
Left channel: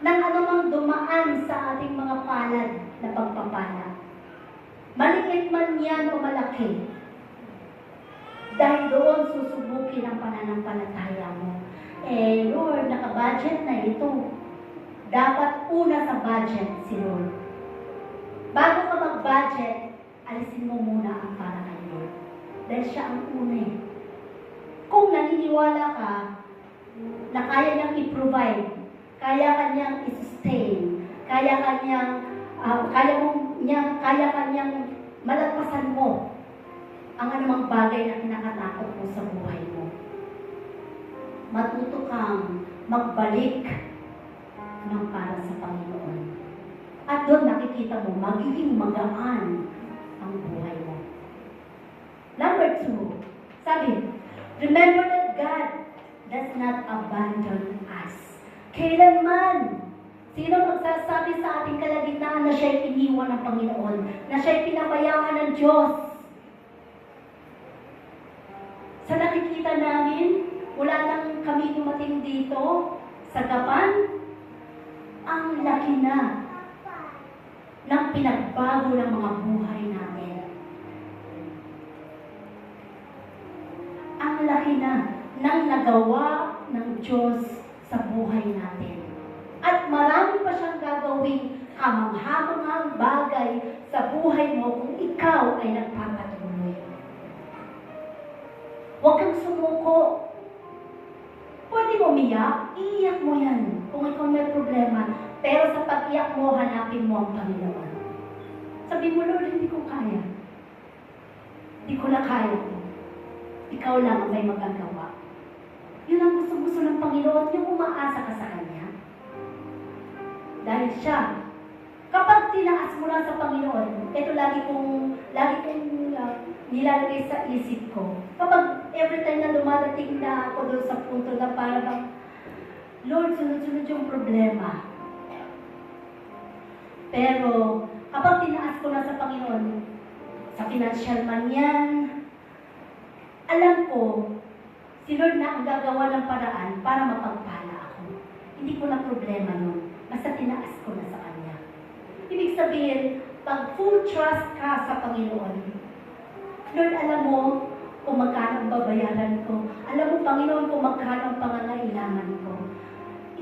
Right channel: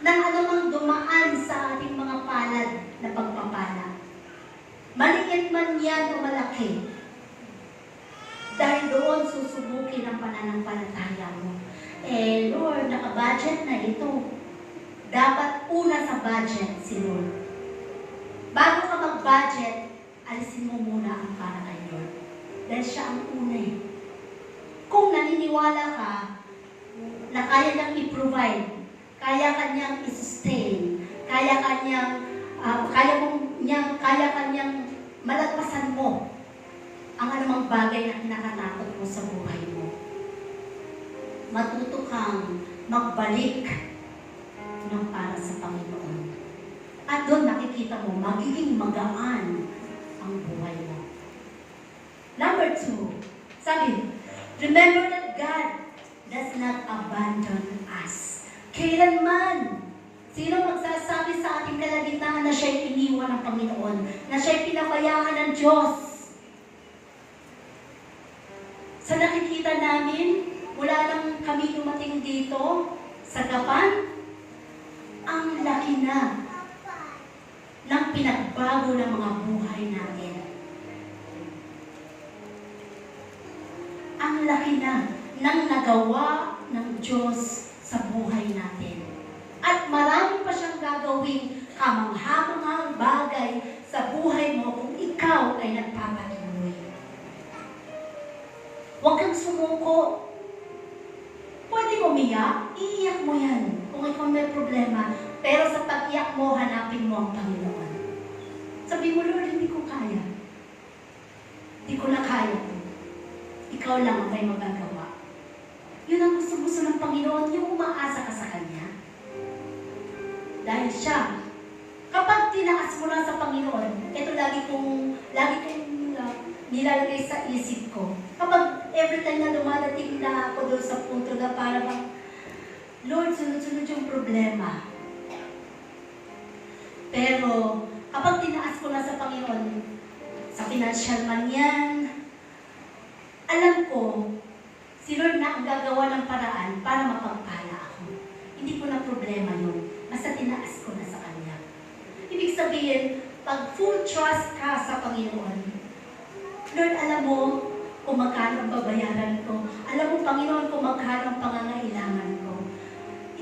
ng anumang dumaan sa ating mga palad na pagpapala. Maliit man yan o malaki. Dahil doon susubukin ang pananampalataya mo. Eh, Lord, naka-budget na ito. Dapat una sa budget si Lord. Bago ka mag-budget, alisin mo muna ang para kay Lord. Dahil siya ang una eh. Kung naniniwala ka na kaya niyang i-provide, kaya kanyang i-sustain, kaya kanyang malagpasan mo ang anumang bagay na kinakatakot mo sa buhay mo. Matuto kang magbalik ng para sa Panginoon. At doon nakikita mo, magiging magaan ang buhay mo. Number 2, sabi, remember that God does not abandon us. Kailanman, sino magsasabi sa ating kalagitnaan na siya'y iniwan ng Panginoon, na siya'y pinabayaan ng Diyos? Sa nakikita namin, wala nang kami dumating dito sa Gapan, ang laki na ng pinagbago ng mga buhay natin. Ang laki na ng nagawa ng Diyos sa buhay natin. At marami pa siyang gagawing kamangha-manghang bagay sa buhay mo kung ikaw ay nagpapatuloy. Huwag kang sumuko. Pwede mo umiyak, iiyak mo yan kung ikaw may problema. Pero sa pag-iyak mo, hanapin mo ang Panginoon. Sabi mo, Lord, hindi ko kaya. Hindi ko na kaya ko. Ikaw lang ang may magagawa. Yun ang gusto-gusto ng Panginoon, yung umaasa ka sa Kanya. Dahil siya, kapag tinaas mo lang sa Panginoon, ito lagi kong nilalagay sa isip ko. Kapag every time na dumadating na ako doon sa punto na para bang, Lord, sunod-sunod yung problema. Pero, kapag tinaas ko na sa Panginoon, sa financial man yan, alam ko, si Lord na ang gagawa ng paraan para mapagpala ako. Hindi ko na problema yun. Basta tinaas ko na sa Kanya. Ibig sabihin, pag full trust ka sa Panginoon, Lord, alam mo kung magkano ang babayaran ko. Alam mo, Panginoon, kung magkano ang pangangailangan ko.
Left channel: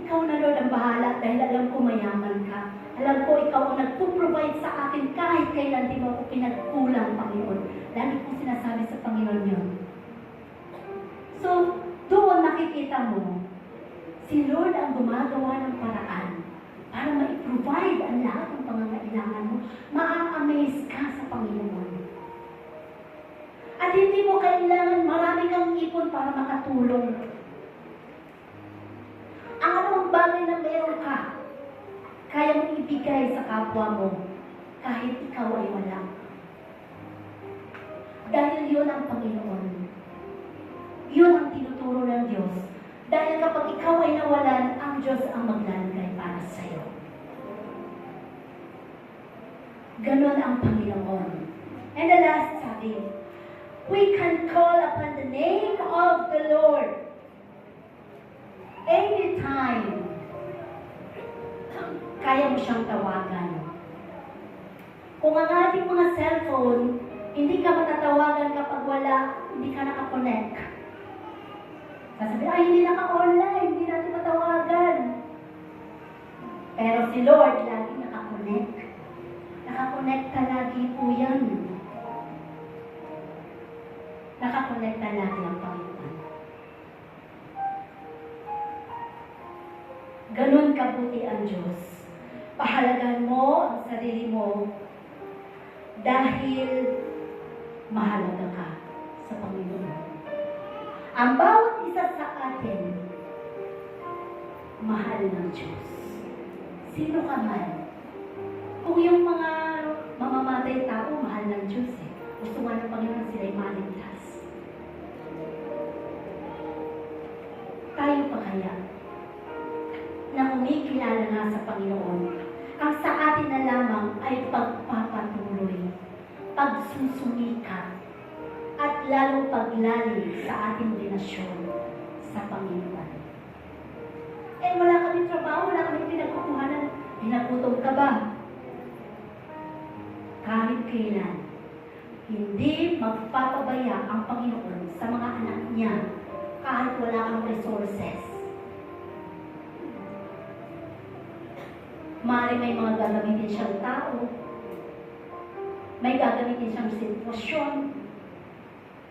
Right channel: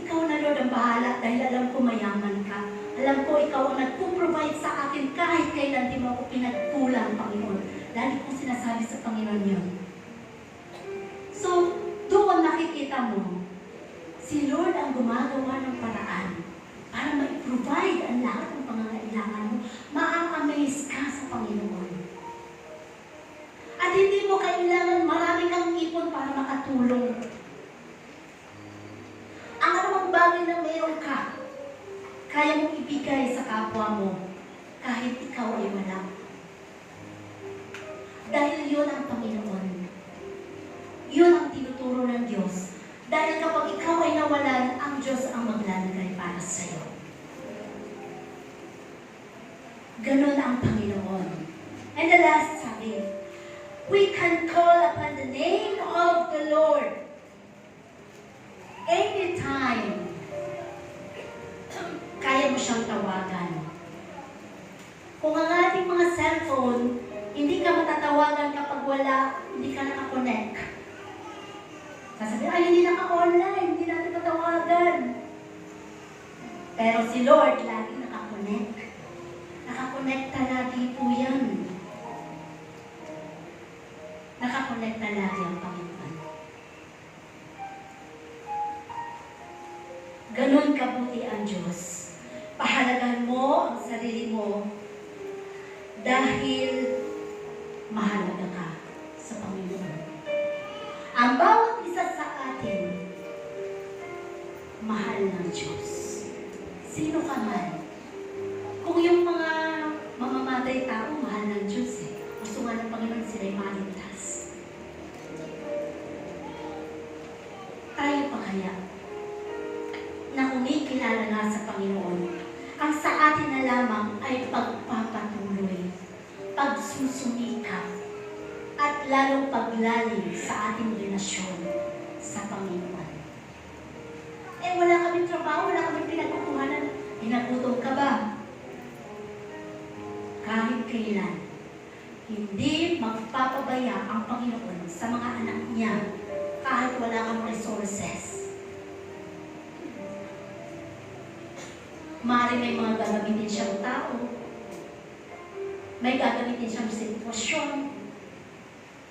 Ikaw na, Lord, ang bahala dahil alam ko mayaman ka. Alam ko, ikaw ang nagpo-provide sa akin kahit kailan di mo ako pinagkulang, Panginoon. Lagi kong sinasabi sa Panginoon yun. So, doon nakikita mo, si Lord ang gumagawa ng paraan para ma-provide ang lahat ng pangangailangan mo. Ma-amaze ka sa Panginoon. At hindi mo kailangan marami kang ipon para makatulong. Ang anumang bagay na meron ka, kaya mong ibigay sa kapwa mo kahit ikaw ay wala. Dahil yun ang Panginoon. Yun ang tinuturo ng Diyos. Dahil kapag ikaw ay nawalan, ang Diyos ang maglalagay para sa iyo. Ganon ang Panginoon. And the last sabi, we can call upon the name of the Lord anytime. Kaya mo siyang tawagan. Kung ang ating mga cellphone, hindi ka matatawagan kapag hindi ka nakakonect. Sasabihin, ay, hindi naka-online, hindi natin matawagan. Pero si Lord, lagi nakakonect. Nakakonect ka lagi po yan. Nakakonect na lagi ang Panginoon. Ganon kabuti ang Diyos. Pahalagahan mo ang sarili mo dahil mahalaga ka sa Panginoon. Ang bawat isa sa atin, mahal ng Diyos. Sino ka man. Kung yung mga mamamatay tao, mahal ng Diyos eh. Gusto nga ng Panginoon sila'y maligtas. Tayo pa kaya na kumikilala na sa Panginoon, ang sa atin na lamang ay pagpapatuloy, pagsusumikap, at lalong paglalim sa ating relasyon sa Panginoon. Eh, wala kaming trabaho, wala kaming pinagkukuhanan. Hinagutom ka ba? Kahit kailan, Hindi magpapabaya ang Panginoon sa mga anak niya kahit wala kang resources. Maaaring may mga gagamitin siyang tao, may gagamitin siyang sitwasyon,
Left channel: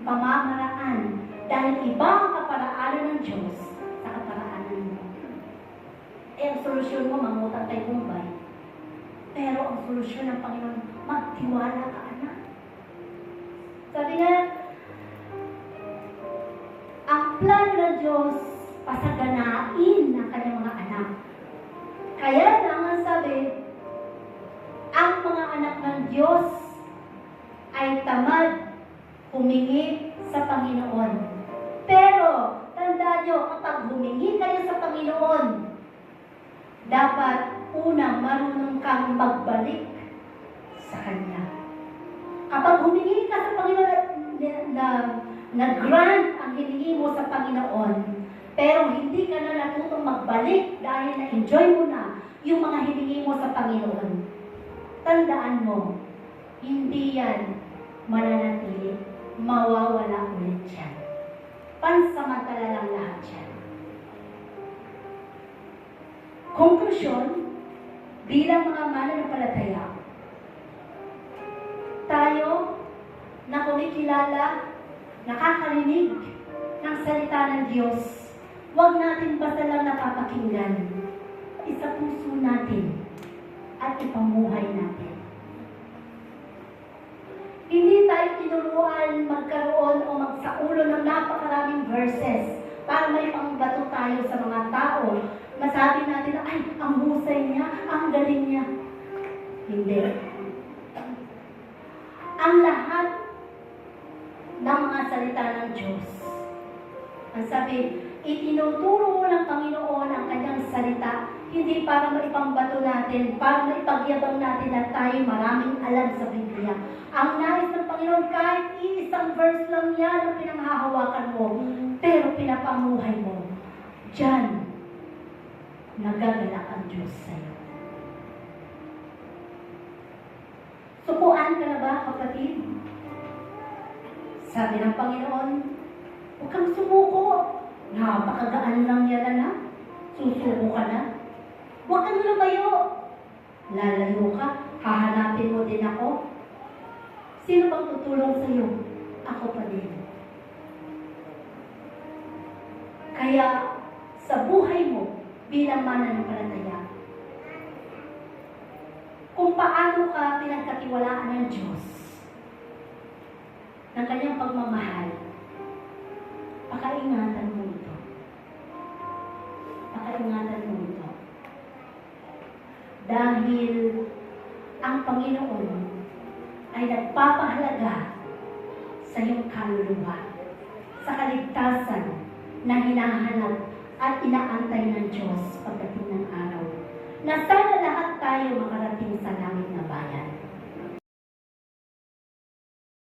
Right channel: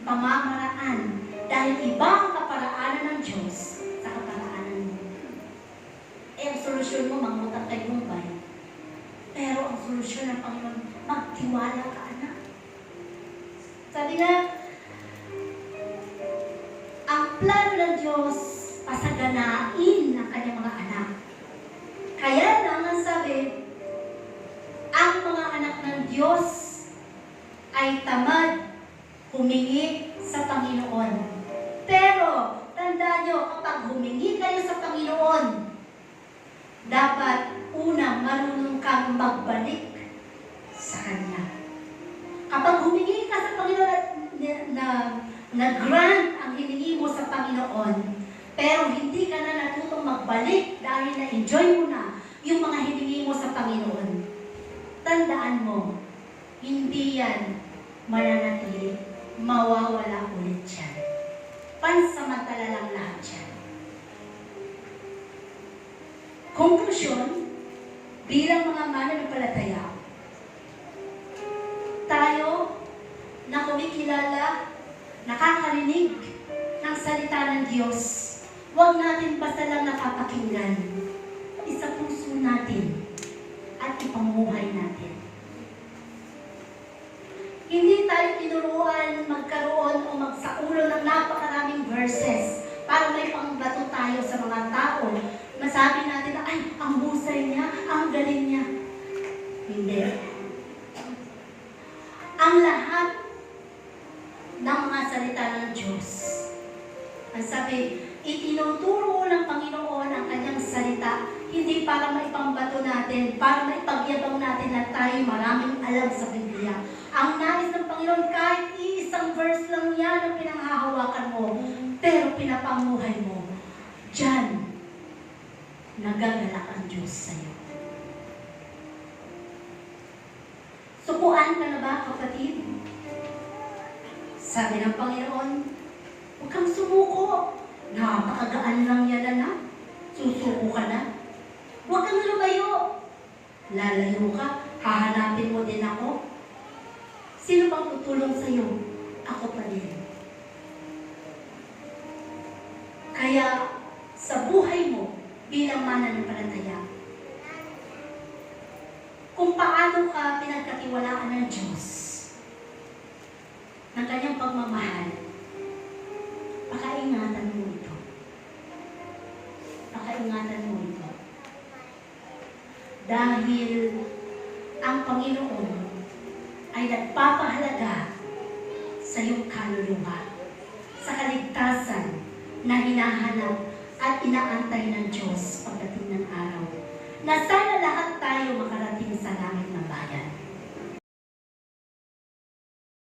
pamamaraan, dahil iba ang kaparaanan ng Diyos sa kaparaanan mo. Eh, ang solusyon mo, mangutang kay Bombay. Pero ang solusyon ng Panginoon, magtiwala ka, anak. Sabi nga, ang plano ng Diyos, pasaganain ang kanyang mga anak. Kaya lang ang sabi, ang mga anak ng Diyos ay tamad humingi sa Panginoon. Pero, tandaan nyo, kapag humingi kayo sa Panginoon, dapat unang marunong kang magbalik sa Kanya. Kapag humingi ka sa Panginoon na grant ang hiningi mo sa Panginoon, pero hindi ka na natutong magbalik dahil na-enjoy mo na yung mga hiningi mo sa Panginoon, tandaan mo, hindi yan mananatili, mawawala ulit yan. Pansamantala lang lahat yan. Konklusyon, bilang mga mananampalataya, tayo na kumikilala, nakakarinig ng salita ng Diyos, huwag natin basta lang napapakinggan. Isa puso natin at ipamuhay natin. Hindi tayo tinuruan magkaroon o magsaulo ng napakaraming verses para may pangbato tayo sa mga tao. Masabi natin na, ay, ang husay niya, ang galing niya. Hindi. Ang lahat ng mga salita ng Diyos, ang sabi, itinuturo ng Panginoon ang kanyang salita, hindi para maipambato natin, para maipagyabang natin na tayo maraming alam sa Biblia. Ang nais ng Panginoon, kahit isang verse lang yan ang pinanghahawakan mo, pero pinapamuhay mo, diyan, nagagalak ang Diyos sa'yo. Sukuan ka na ba, kapatid? Sabi ng Panginoon, huwag kang sumuko. Napakagaan lang yan na. Susuko ka na. Huwag kang lumayo. Lalayo ka, hahanapin mo din ako. Sino bang tutulong sa'yo? Ako pa din. Kaya, sa buhay mo, bilang mananampalataya, kung paano ka pinagkatiwalaan ng Diyos, ng kanyang pagmamahal, pakaingatan mo ito. Pakaingatan mo ito. Dahil ang Panginoon ay nagpapahalaga sa iyong kaluluwa, sa kaligtasan na hinahanap at inaantay ng Diyos pagdating ng araw, na sana lahat tayo makarating sa langit na bayan.